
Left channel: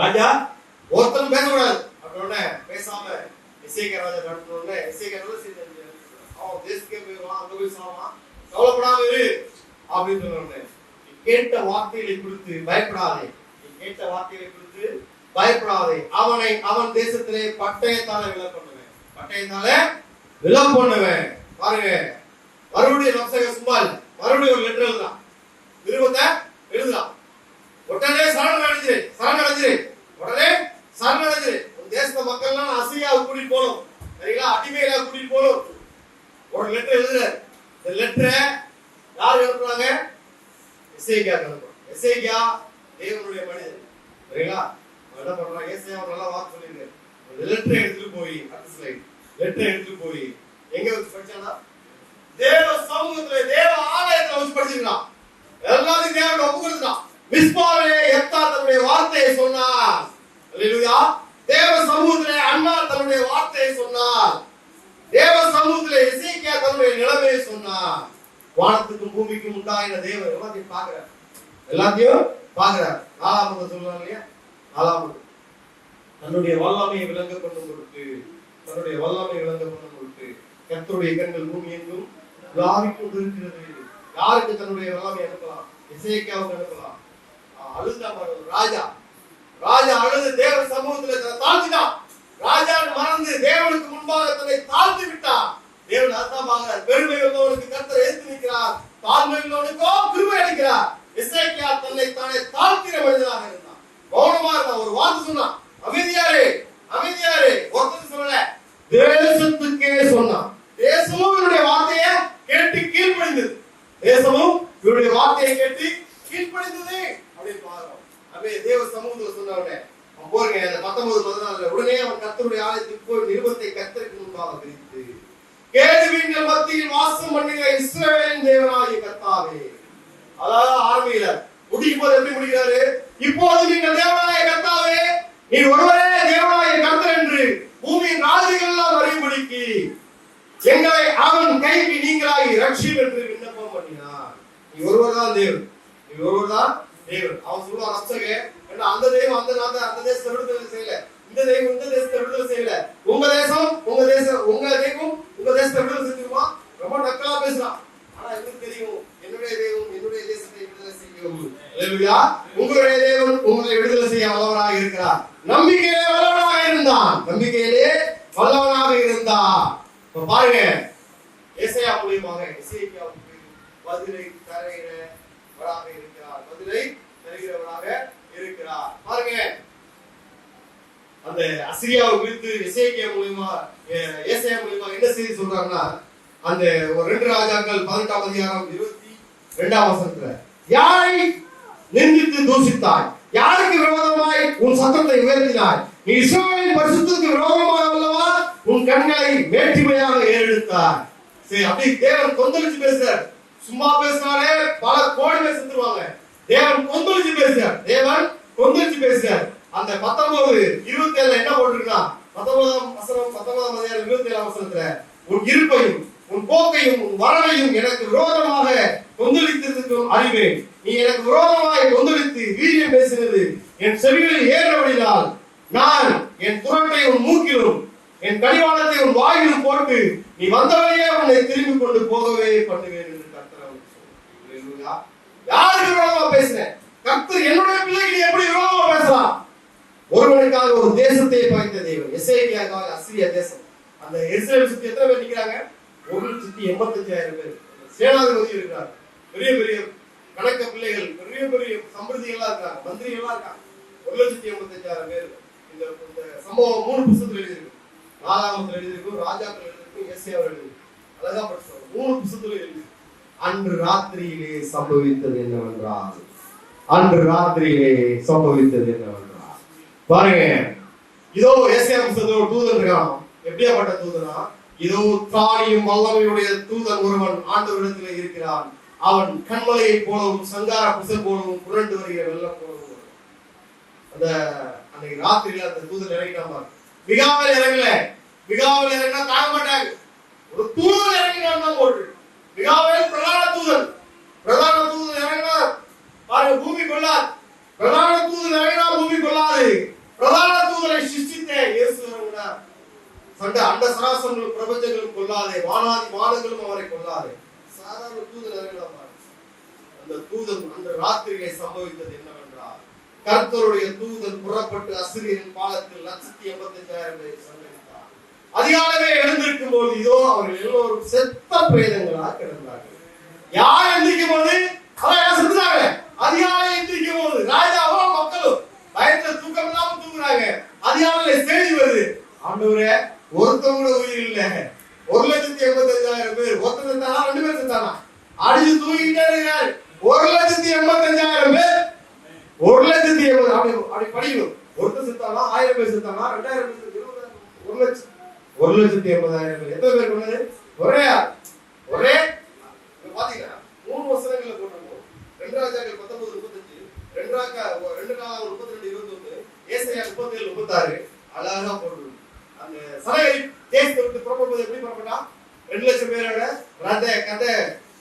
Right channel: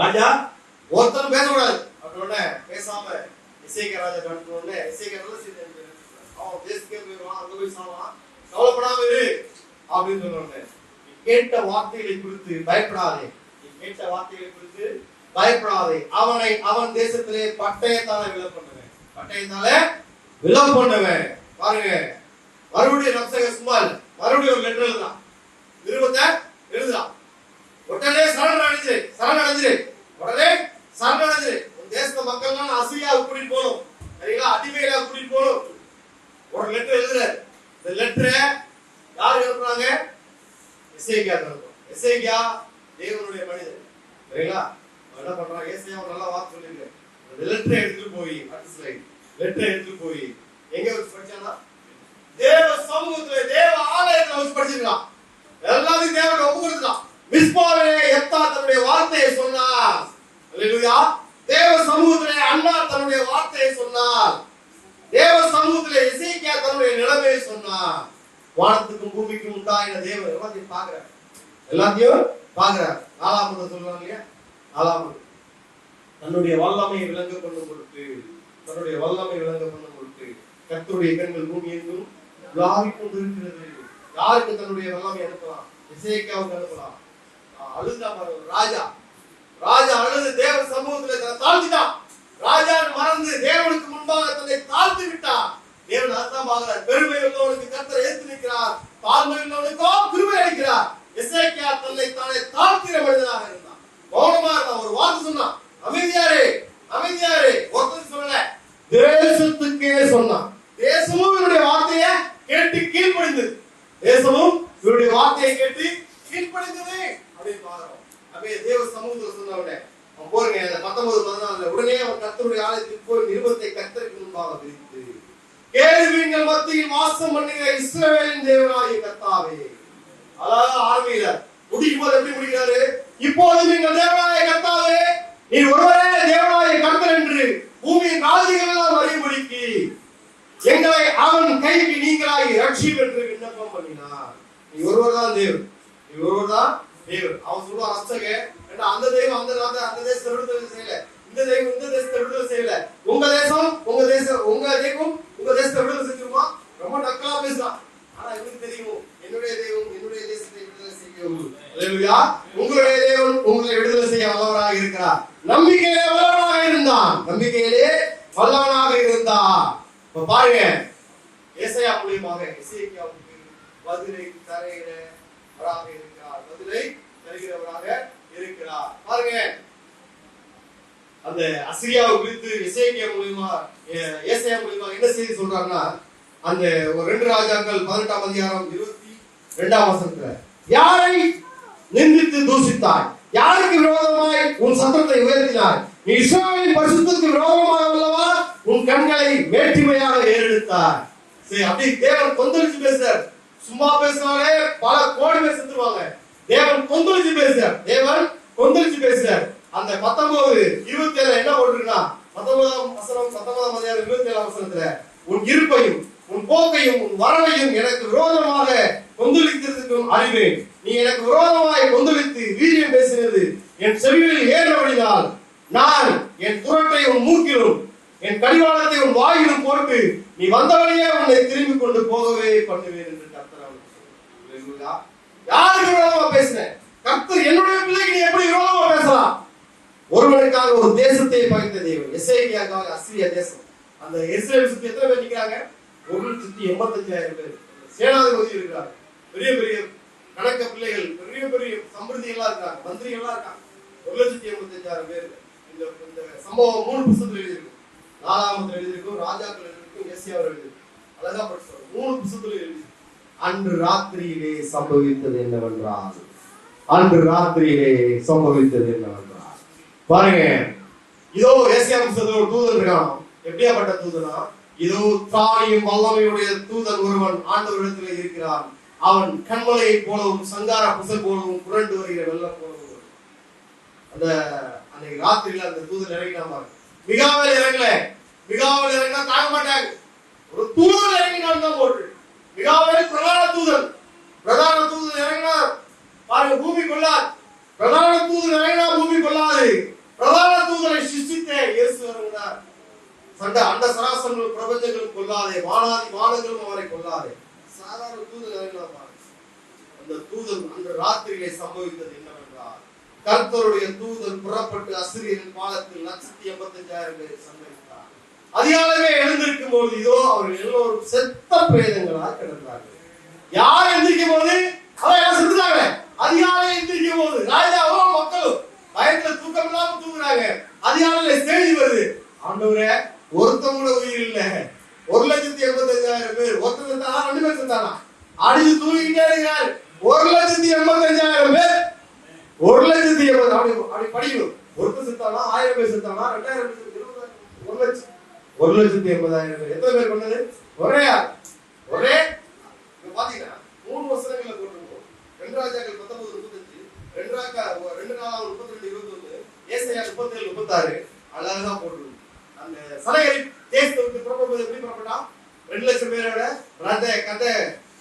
ராஜா ஒருத்தரும் பேசக்கூடாது அப்படின்னே பேசாம எசேக்கியா ராஜா நடத்தினோடனே எசேக்கியா அவன் தேசத்துக்கே போயிடுவான், அங்க போய் சாவான், கவலைப்படாம இரு அப்படின்னு சொன்னோடனே, கேட்ட வார்த்தைகளை குறித்து பயப்படாதே, கேட்ட வார்த்தைகளை குறித்து பயப்படாதே, அவன் தேசத்திலே பட்டயத்தால விழ பண்ணுவேன், பட்டயத்தால விழ பண்ணுவேன். பாருங்க, மறுபடியும் நப்சக சும்மா இல்ல, மறுபடியும் ஒரு லெட்டர் எழுதுறான், நிருபத்தை எழுதுறான். உடனே சரணடைஞ்சிரு, உடனே சரணடைஞ்சிரு. உன் தேச மக்கள்லாம் அசிரியாவுக்கு கூட்டிட்டு போகணும், சரிங்களா, அடிமைகளா கூட்டிட்டு போகணும். ஒரு லெட்டர் எழுதுறாரு. இந்த லெட்டரை யார் எழுதுறாங்க? எசேக்கியா எழுதுறான். எசேக்கியா தேவனுடைய மனிதன், சரிங்களா. என்ன பண்றான்? ஏசாயா நல்லா வார்த்தை சொல்லியிருக்காரு. லெட்டரை எடுத்துட்டு போய், அடுத்த ஸ்லைட், லெட்டரை எடுத்துட்டு போய் எங்க வச்சு படிச்சானா? தேவ சமூகத்துல, தேவ ஆலயத்துல வச்சு படிச்சிருக்கான். எல்லாத்தையும் தேவனுக்கு ஒப்பு கொடுத்துட்டான். மிஸ்பாவிலே எப்தா தன்னுடைய வார்த்தையை சொன்னார். அல்லேலூயா. தேவ சமூகத்திலே அண்ணா தன்னுடைய வார்த்தையை சொன்னார். தேவ சமூகத்திலே எசேக்கியா தன்னுடைய நிலைமையை சொன்னார். வானத்துக்கும் பூமிக்கும் உண்டாயின தேவன் எல்லாத்தையும் பாக்குறார், எல்லாத்தையும் பாக்குறார். 4 சொல்லுவாங்க இல்லையா, 4 தன்னுடைய வல்லமையை விளங்க கொண்டு கொடுத்து, தன்னுடைய வல்லமை விளங்க கொண்டு கொடுத்து, கர்த்தருடைய கண்கள் பூமி எங்கும் உலாவிக் கொண்டிருக்கிறது. யாருக்கு தன்னுடைய வல்லமை அனுப்பலாம்? எசேக்கியாவுக்கு அனுப்பலாம். அழுதா ராஜா அழுது தேவ சமூகத்துல தன்னை தாழ்த்திட்டான். ராஜா மறந்து தேவனுக்கு முன்பாக தன்னை தாழ்த்தி விட்டான். தேவன் அதான் பார்க்கிறார். பெருமை உள்ளவனுக்கு கர்த்தர் ஏத்து நிற்கிறார், தாழ்மை உள்ளவனுக்கோ கிருபை அளிக்கிறார். எசேக்கியா தன்னை தானே தாழ்த்தின மனிதனாக இருந்தான். மௌனமா இருந்தான். ஒரு வார்த்தை சொன்னான், அமைதியாரே அமைதியாரே. ஒருத்தர் சொல்லல, தேசத்துக்கே சொன்னான். தேசமும் இவருடைய வார்த்தையை கேட்டு கீழ்ப்படிந்தது. தேசமும் இவருடைய வார்த்தையை கேட்டு கீழ்ப்படிந்தது அப்படின்னு பாக்குறோம். அப்படியே தேவ சமூகத்துல சொன்ன உடனே போறீங்க 19-14 உடனே அவன் கர்த்தருடைய ஆலயத்துக்கு போய் நிருபத்தை கர்த்தருக்கு முன்பாக விரித்து, கேருபீன்கள் மத்தியில் வாசம் பண்ணுகிற இஸ்ரவேலின் தேவனாகிய கர்த்தாவே. அதாவது ஆர்மியில முடிக்கும் போது எப்படி முடிக்கிறாரு? இப்போது நீங்கள் தேவனாகிய கர்த்தாவே, நீ ஒருவரே தேவனாகிய கர்த்தர் என்று பூமியின் ராஜ்யங்கள் எல்லாம் அறியும்படிக்கு எங்களை அவன் கைக்கு நீங்களாகி ரட்சியும் என்று விண்ணப்பம் பண்ணினார். நீ ஒருவர் தான் தேவன், நீ ஒருவர் தான் தேவன். அவன் சொல்லுவான் ரட்சக, அந்த தெய்வம் அந்த தேசத்தை விடுதலை செய்யல, இந்த தெய்வம் இந்த தேசத்தை விடுதலை செய்யல, உங்க தேசம் உங்க தெய்வம் உங்க தேசத்தை விடுதலை செஞ்சுமா. ரொம்ப நக்கலா பேசுறான். ஆனா இவனுக்கு தெரியும், என்னுடைய தெய்வம் என்னுடைய தேசத்தை விடுதலை செய்யும். அல்லேலூயா. உங்களுடைய தேவன் உங்களை விடுதலை செய்ய வல்லவராக இருக்கிறார். நம்பிக்கையிலே வல்லவனாக இருந்தான், நம்பிக்கையிலே வல்லவனாக இருந்தான். இப்ப பாருங்க, ஏசாயா மூலமாக எசேக்கியாவுக்கு பதிலை தருகிறவராக இருக்கிறார், பதிலை தருகிறவராக இருக்கிறார். பாருங்க, அந்த அசிரியாவை குறித்து எசேக்கியா மூலமா ஏசாயா மூலமா என்ன செய்தி சொல்றாங்கன்னா, அந்த 2 ராஜாக்கள் 18ஆம் அதிகாரம் 22ஆம் வசனத்துல, யாரை நிந்தித்து தூசித்தாய், யாருக்கு விரோதமாய் உன் சத்தத்தை உயர்த்தினாய், நீ இஸ்ரவேலின் பரிசுத்தத்துக்கு விரோதமாக அல்லவா உன் கண்களை வேற்றுமையாக ஏறெடுத்தாய். சரி, அப்படி தேவன் கொந்தளிச்சு பேசுறார். சும்மா பேசினாலே பல கோடி பேர் செத்துருவாங்க. தேவன் கொந்தளிச்சு பேசுறார், தேவன் கொந்தளிச்சு பேசுறார். அந்த 19:27 என்ன போட்டிருக்கா? 19ஆம் அதிகாரம் 27ஆம் வசனத்துல, உன் இருப்பையும் உன் போக்கையும் உன் வரவையும் எனக்கு விரோதமாக கொந்தளித்திருக்கும் அறிவேன். நீ எனக்கு விரோதமாக கொந்தளித்து வீரியம் பேசினது செவிகளில் ஏறினால் நான் என் துரட்டை உன் மூக்கிலும் என் கடிவாளத்தை உன் வாயிலும் போட்டு நீ வந்த வழியே உன்னை திரும்பி கொண்டு போகவே பண்ணுவேன் என்று கர்த்தர் அவனுக்கு சொன்னார். யாருக்கு விரோதமா பேசுறேன்? கர்த்தர் என்னுடைய பிள்ளைக்கு நீ எப்படி விரோதமா பேசலாம்? ஒருவனுக்காக ஒரு தேசத்தை பகைத்த தேவன். எசேக்கியாவுக்காக அசீரியா தேசம். அந்த இஸ்ரேல் சுத்தி எத்தனை பேர் நிக்கிறாங்க? 1,85,000 பேர். சேனாதிபதி இருக்கிறார், பெரிய பெரிய கணக்க பிள்ளைகள், பெரிய பெரிய சம்பிரதிகளா இருக்காங்க, மந்திரிகளா இருக்காங்க. 1,85,000 பேர். இந்த சம்பவம் 3 புத்தகத்தில் எழுதியிருக்கு. நாலாகமத்தில் எழுதியிருக்கும், ராஜாக்கள் எழுதியிருக்கும், எஸ்ஐயாவில் எழுதியிருக்கும். அழகா படிச்சு 3 புத்தகத்தில் எழுதி. அன்று ராத்திரியிலே சம்பவித்தது என்னவென்றால் பாருங்க, இதோ ஏசாயா புத்தகத்துல ஒரு தூதன் இருக்கான். எப்படியாப்பட்ட தூதனா? இதோ தானியும் வல்லமையுடைய தூதன் ஒருவன் ஆண்டவரிடத்தில் இருக்கிறான். அவன் கண்மலையை போலவும் சங்கார புசல் போலவும் புரண்டு வருகிற வெள்ளம் போலவும். அந்த அன்னைக்கு ராத்திரியில அந்த தூதன் இறங்கினான். மிகாவில் இறங்கல. மிகாவில் இறங்கினா தாங்க மாட்டாங்க. ஒரு தூதன் இறங்கினான் தான் போட்டு. மிகாவில் பிரதான தூதன் இறங்கினா பாருங்க, பூமி கொள்ளாது. பிரதான தூதன் இறங்கினா பூமி கொள்ளாது. பிரதான தூதனை சிருஷ்டித்த இயேசு இறங்கினார். சண்ட அண்ட சராசரங்களும் பிரபஞ்சங்களும் கொள்ளாதே, வானாதி வானங்களும் அவரை கொள்ளாதே. சாதாரண தூதன் இறங்கினார். அந்த தூதன் அந்த ராத்திரியிலே சம்பவித்தது என்னவென்றால், கர்த்தருடைய தூதன் புறப்பட்டு அசிரியரின் பாதத்தில் 1,85,000 பேரை சங்கரித்தார். அதிகாலமே எழுந்திருக்கும் போது இதோ அவர்கள் எல்லோரும் செத்த பிரேதங்களாக கிடந்தார்கள். யார் எந்திரிக்கும் போது? அதான் செத்துட்டாங்க. அதிகாலை எந்திரிக்கும் போது ராஜாவும் மக்களும் பயத்துல தூக்கம் இல்லாம தூங்குறாங்க. அதிகாலையில செய்தி வருது, ஆண்டவரே ஒருத்தவங்க கூட உயிர் இல்ல, 1,85,000 பேர். ஒருத்தர் செத்தானா? 2 பேர் செத்தானா? அடிச்சு தூங்கிட்டே இருக்காரு. 1,85,000 பேர். 1,80,000 அப்படி படிக்கணும். ஒருத்தர் செத்தானா? 1000 பேர் செத்தானா? 2000 பேர், 1,80,000 பேர். எத்தனை பேர் கொண்டது? ஒரே பாத்தீங்கன்னா 3 வசனங்களை போட்டிருக்கோம். 2 ராஜாக்கள் 19:35, 2 நாளாகமம் 32:21, ஏசாயா 37:36. அழகா போட்டிருக்கோம். அந்த சனகரி தேசத்தை விட்டு புறப்படுவது எப்படி புறப்பட்டான்? 2 லட்சம் பேரோட ரத கதை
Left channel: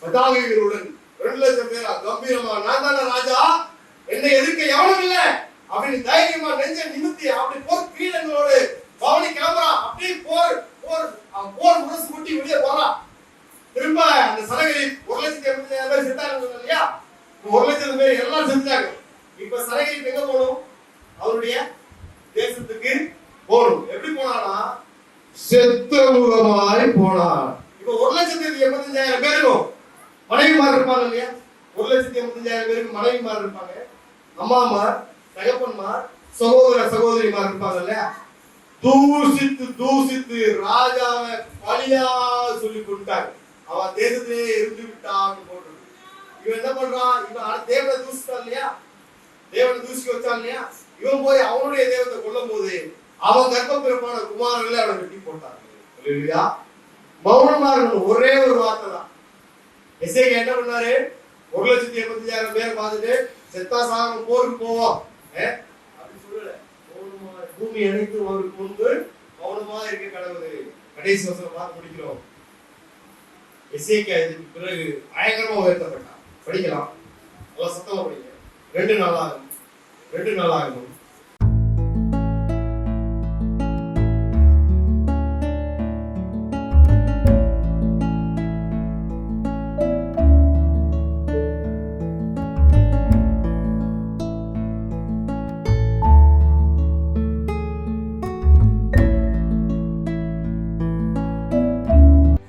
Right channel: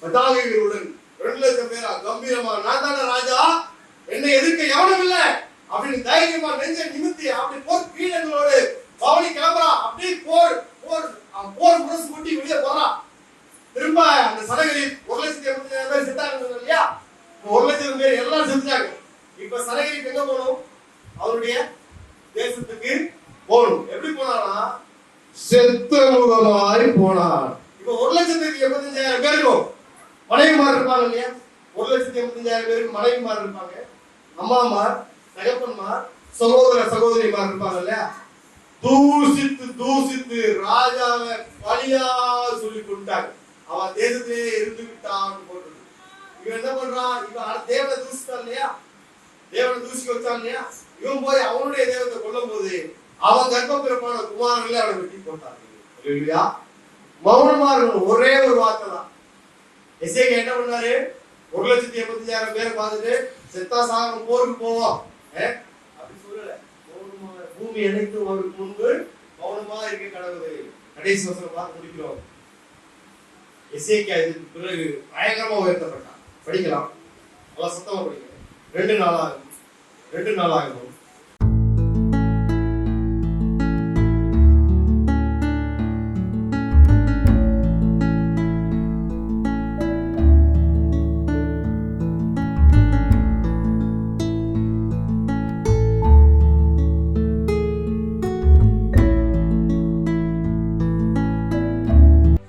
பதாகைகளுடன் 2 லட்சம் பேரா கம்பீரமா, நான் தானே ராஜா, என்னை எதிர்க்க எவனும் இல்ல அப்படின்னு தைரியமா நெஞ்ச நிமித்தி அப்படி போர் கீழங்களோடு பவனி கிளம்புறான். அப்படி போர் முரசு கூட்டி வெளியே போறான். திரும்ப அந்த சனகரி 1,80,000 பேர் செத்தாங்க இல்லையா? 1,00,000 பேர் எல்லாம் செத்துட்டாங்க. இப்ப சனகரி எங்க போகணும்? அவருடைய தேசத்துக்கு போகணும். எப்படி போனானா? செத்த முகமாய் போனான். இப்ப 1,85,000 பேருக்கும் மனைவிமார் இருப்பாங்க இல்லையா? 1,85,000 பேருக்கு மனைவிமார் இருப்பாங்க, அம்மாமார், தகப்பன்மார், சகோதரிமார் இருப்பாங்க இல்லையா? தூசித்து ராஜாவை பழியா சொல்லி கொண்டாங்க. அவன் தேசத்திலே இருந்து விட்டான்னு போட்டு இவன் என்ன பண்றான்? இவன் தேவனை தூசிட்டான் இல்லையா? தேவனை தூசிக்க வச்சான் இல்லையா? இவன் போய் அவனுடைய தேவத்தை கொல்லும் போது அவன் கர்ப்பப்பிறப்பான குமாரர்களை அவனை வெட்டி போட்டாங்க. மௌனமா இருக்கணும். ஒரே ஒரு வார்த்தை தான். எசேக்கியா என்ன பண்ணாரு? 1,80,000 பேரை பார்த்துட்டு செத்தா சாகம் போருக்கு போவோம் அப்படி சொல்லல. பூமி அனைத்தும் அவருக்கு முன்பு மௌனமா இருக்க கடவுள். கடைசி வசனம் பார்த்து முடிக்கிறோம். எசேக்கியா இதுக்கு பிறகு பயங்கரமா உயர்த்தப்பட்டான். படிக்கலாம், நல்லா சத்தமா படிக்க. 2 நாளாகும்.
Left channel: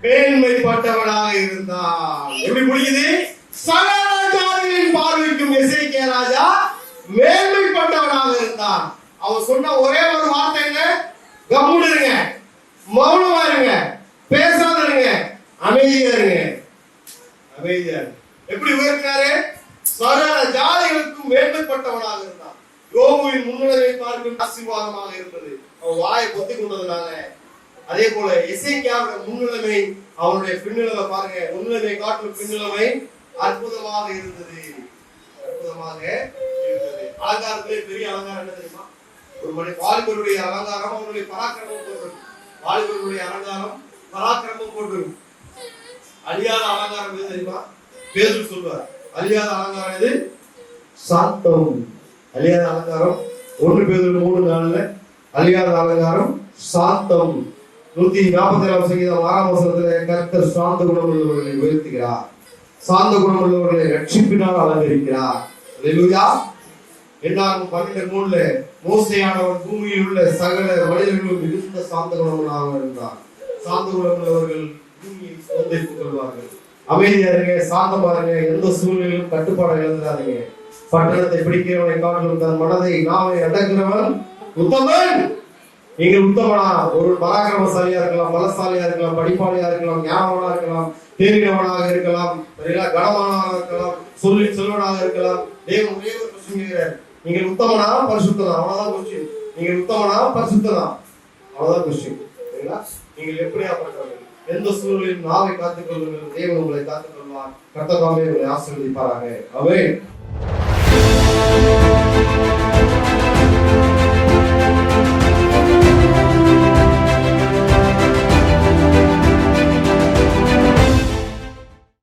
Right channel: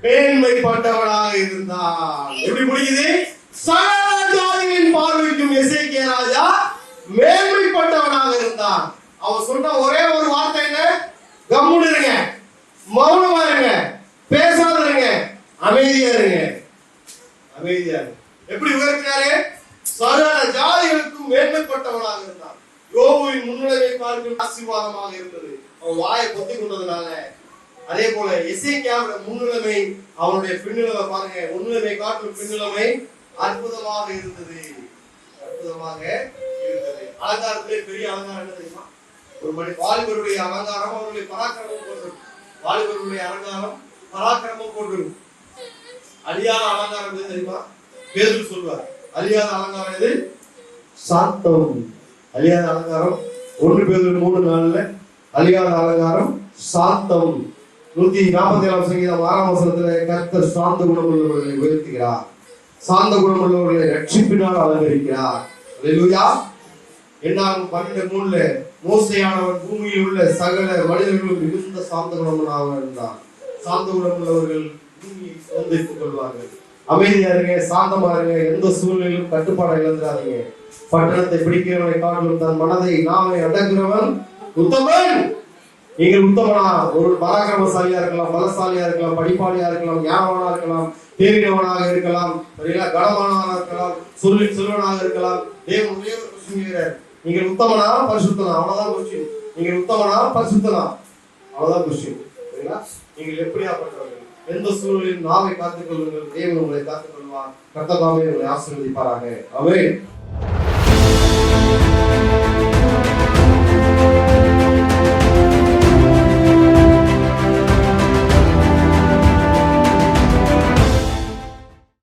மேன்மைப்பட்டவனாக இருந்தான். எப்படி முடிக்குது? சகல ஜாதிகளின் பார்வைக்கும் எசேக்கியா ராஜா மேன்மைப்பட்டவனாக இருந்தான். அவன் சொன்ன ஒரே ஒரு வார்த்தை என்ன? கம்முனு இருங்க, மௌனமா இருங்க, பேசாத இருங்க, அமைதியா இருங்க. எப்படி உயர்த்தினாரு? சகல ஜாதிகளுக்கும் மேன்மைப்பட்டவனாக இருந்தான். யோபுவின் முன்னிலைமை பார்க்கும் ஆசீர்வாதமாக இருந்தது அவன் வாயை பொத்தி கொண்டதுனால. அதே போல எசேக்கியாவோட முன்னிலைமை, அவனுடைய பின்னிலைமை பாருங்க, முன்னிலைமை காட்டும் பின்னிலைமை அற்புதமாக இருந்தது. அலங்காரத்திலே பெரிய அலங்காரம் என்ன தெரியுமா? ஒரு மணி வாலிபருடைய அலங்காரம் அவருடைய பராக்கிரமம் போட்டிருக்கும். வாலிபருடைய அலங்காரம் பராக்கிரமம் போட்டிருக்கும். அழியாத அலங்காரம் எது தெரியுமா? பேதுரு சொல்வார், அழியாத அலங்காரம் எது? சாந்தம். அழியாத அலங்காரம் 1 பேதுரு 3:4 அழியாத அலங்காரம் சாந்தம். 147 சங்கீதம் 6 வசனத்திலே கர்த்தர் சாந்த குணமுள்ளவர்களை உயர்த்துகிறார், சாந்த குணமுள்ளவர்களை ரட்சிப்பினால் அலங்கரிக்கிறார். அல்லேலூயா. என்னாகும் 12:3 மோசேயானவன் பூமியில் உள்ள சகல மனிதர்களும் மிகுந்த சாந்த குணமுள்ளவனாக இருந்தான். சாந்த குணமுள்ளவர்கள் பூமியை சுதந்திரித்துக் கொள்வார்கள். அமைதியா இருங்க, சாந்தமா இருங்க, எந்த சூழ்நிலையும் கட்டுப்பாடை இழந்துடாதீங்க. பட்டணத்தை பிடிக்கிறவனை காட்டிலும் தன் மனதை நாமே அடக்குறவன் உத்தமன். நீங்கள் உத்தமனா? ஒரு பராக்கிரமசாலியா இருக்கலாம், பலசாலியா இருக்கலாம், படிப்பாளியா இருக்கலாம், ஞானவனா இருக்கலாம், தேறினவனாக இருக்கலாம், கனமானவனாக இருக்கலாம், சொல்லி செல்வனாக இருக்கலாம். தேவன் ஒரே ஒரு கொஸ்டின் கேட்கிறார், நீங்கள் உத்தமனா பரிசுத்தனா? அவ்வளவுதான் கொஸ்டின். நீங்கள் உத்தமனா பரிசுத்தனா? அவ்வளவுதான் கொஸ்டின். சரிங்களா? நீங்கள் எப்படியாப்பட்டவர்கள்? எந்த சூழலில் நாவை காத்துக் கொள்ளுங்கள், தேவன் உங்களை காத்துக் கொள்வார். கர்த்தர் தாமே உங்களை ஆசீர்வதிப்பாராக. ஆமென்.